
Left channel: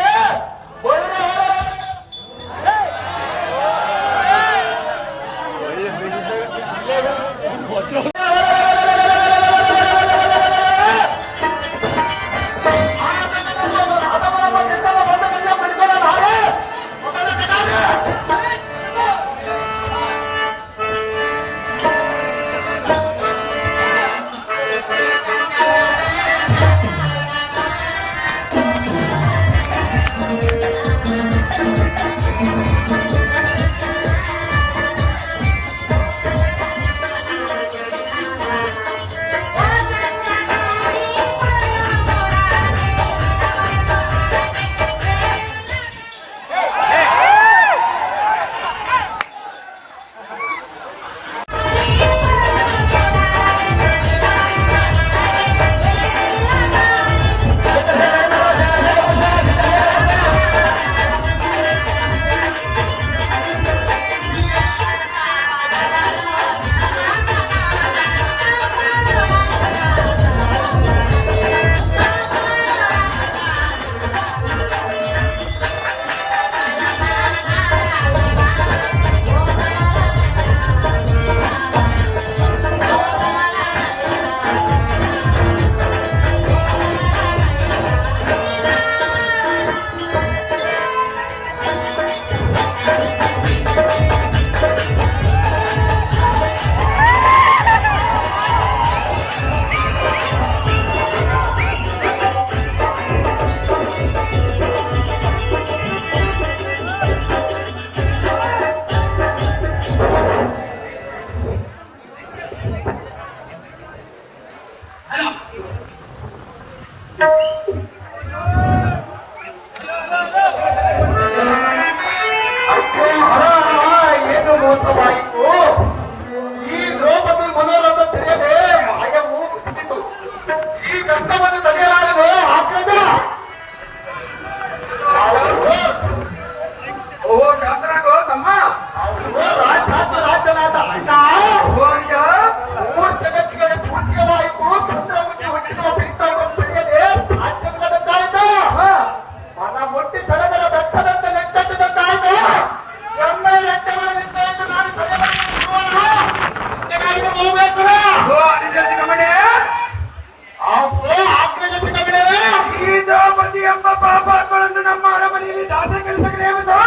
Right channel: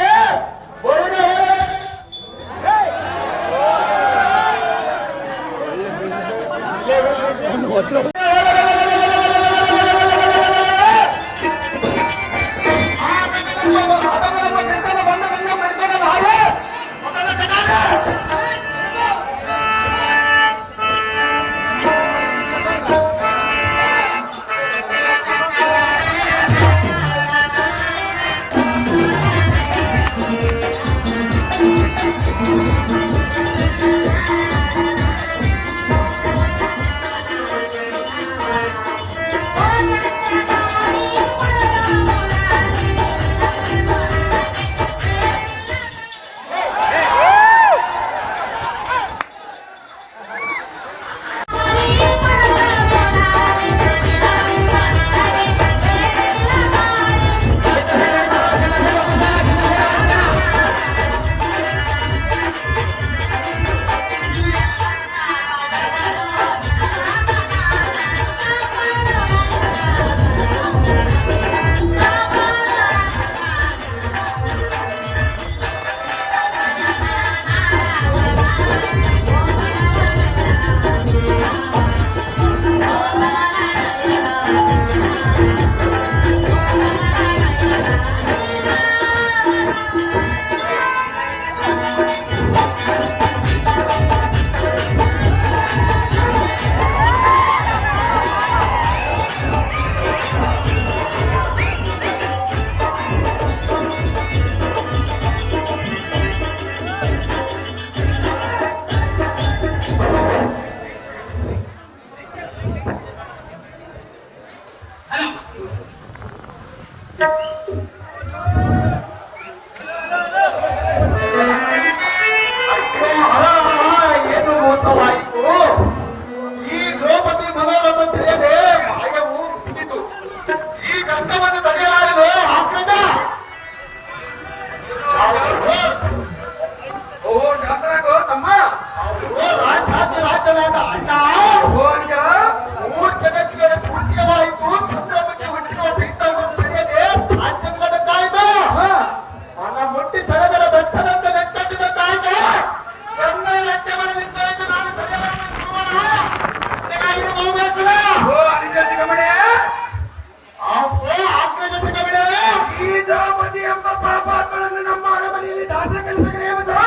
ಈ ದಾಸ ಕೆಲಸಕ್ಕೆ ನೇಮಿಸು.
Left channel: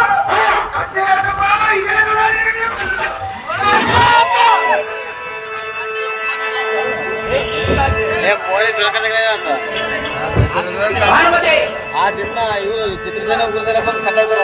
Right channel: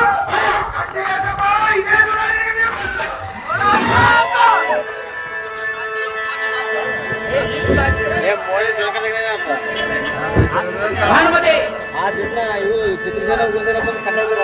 ಅಷ್ಟೇ ಅಲ್ಲಮ್ಮ, ಇದೇನು ನನಗೆ ಭಾನುಮತಿ ಆ ದಿನ ಇವರು ಚಿತ್ರಸೇನೆ ಗುರುದರ ಬಂದು ಕಟ್ಟೋದು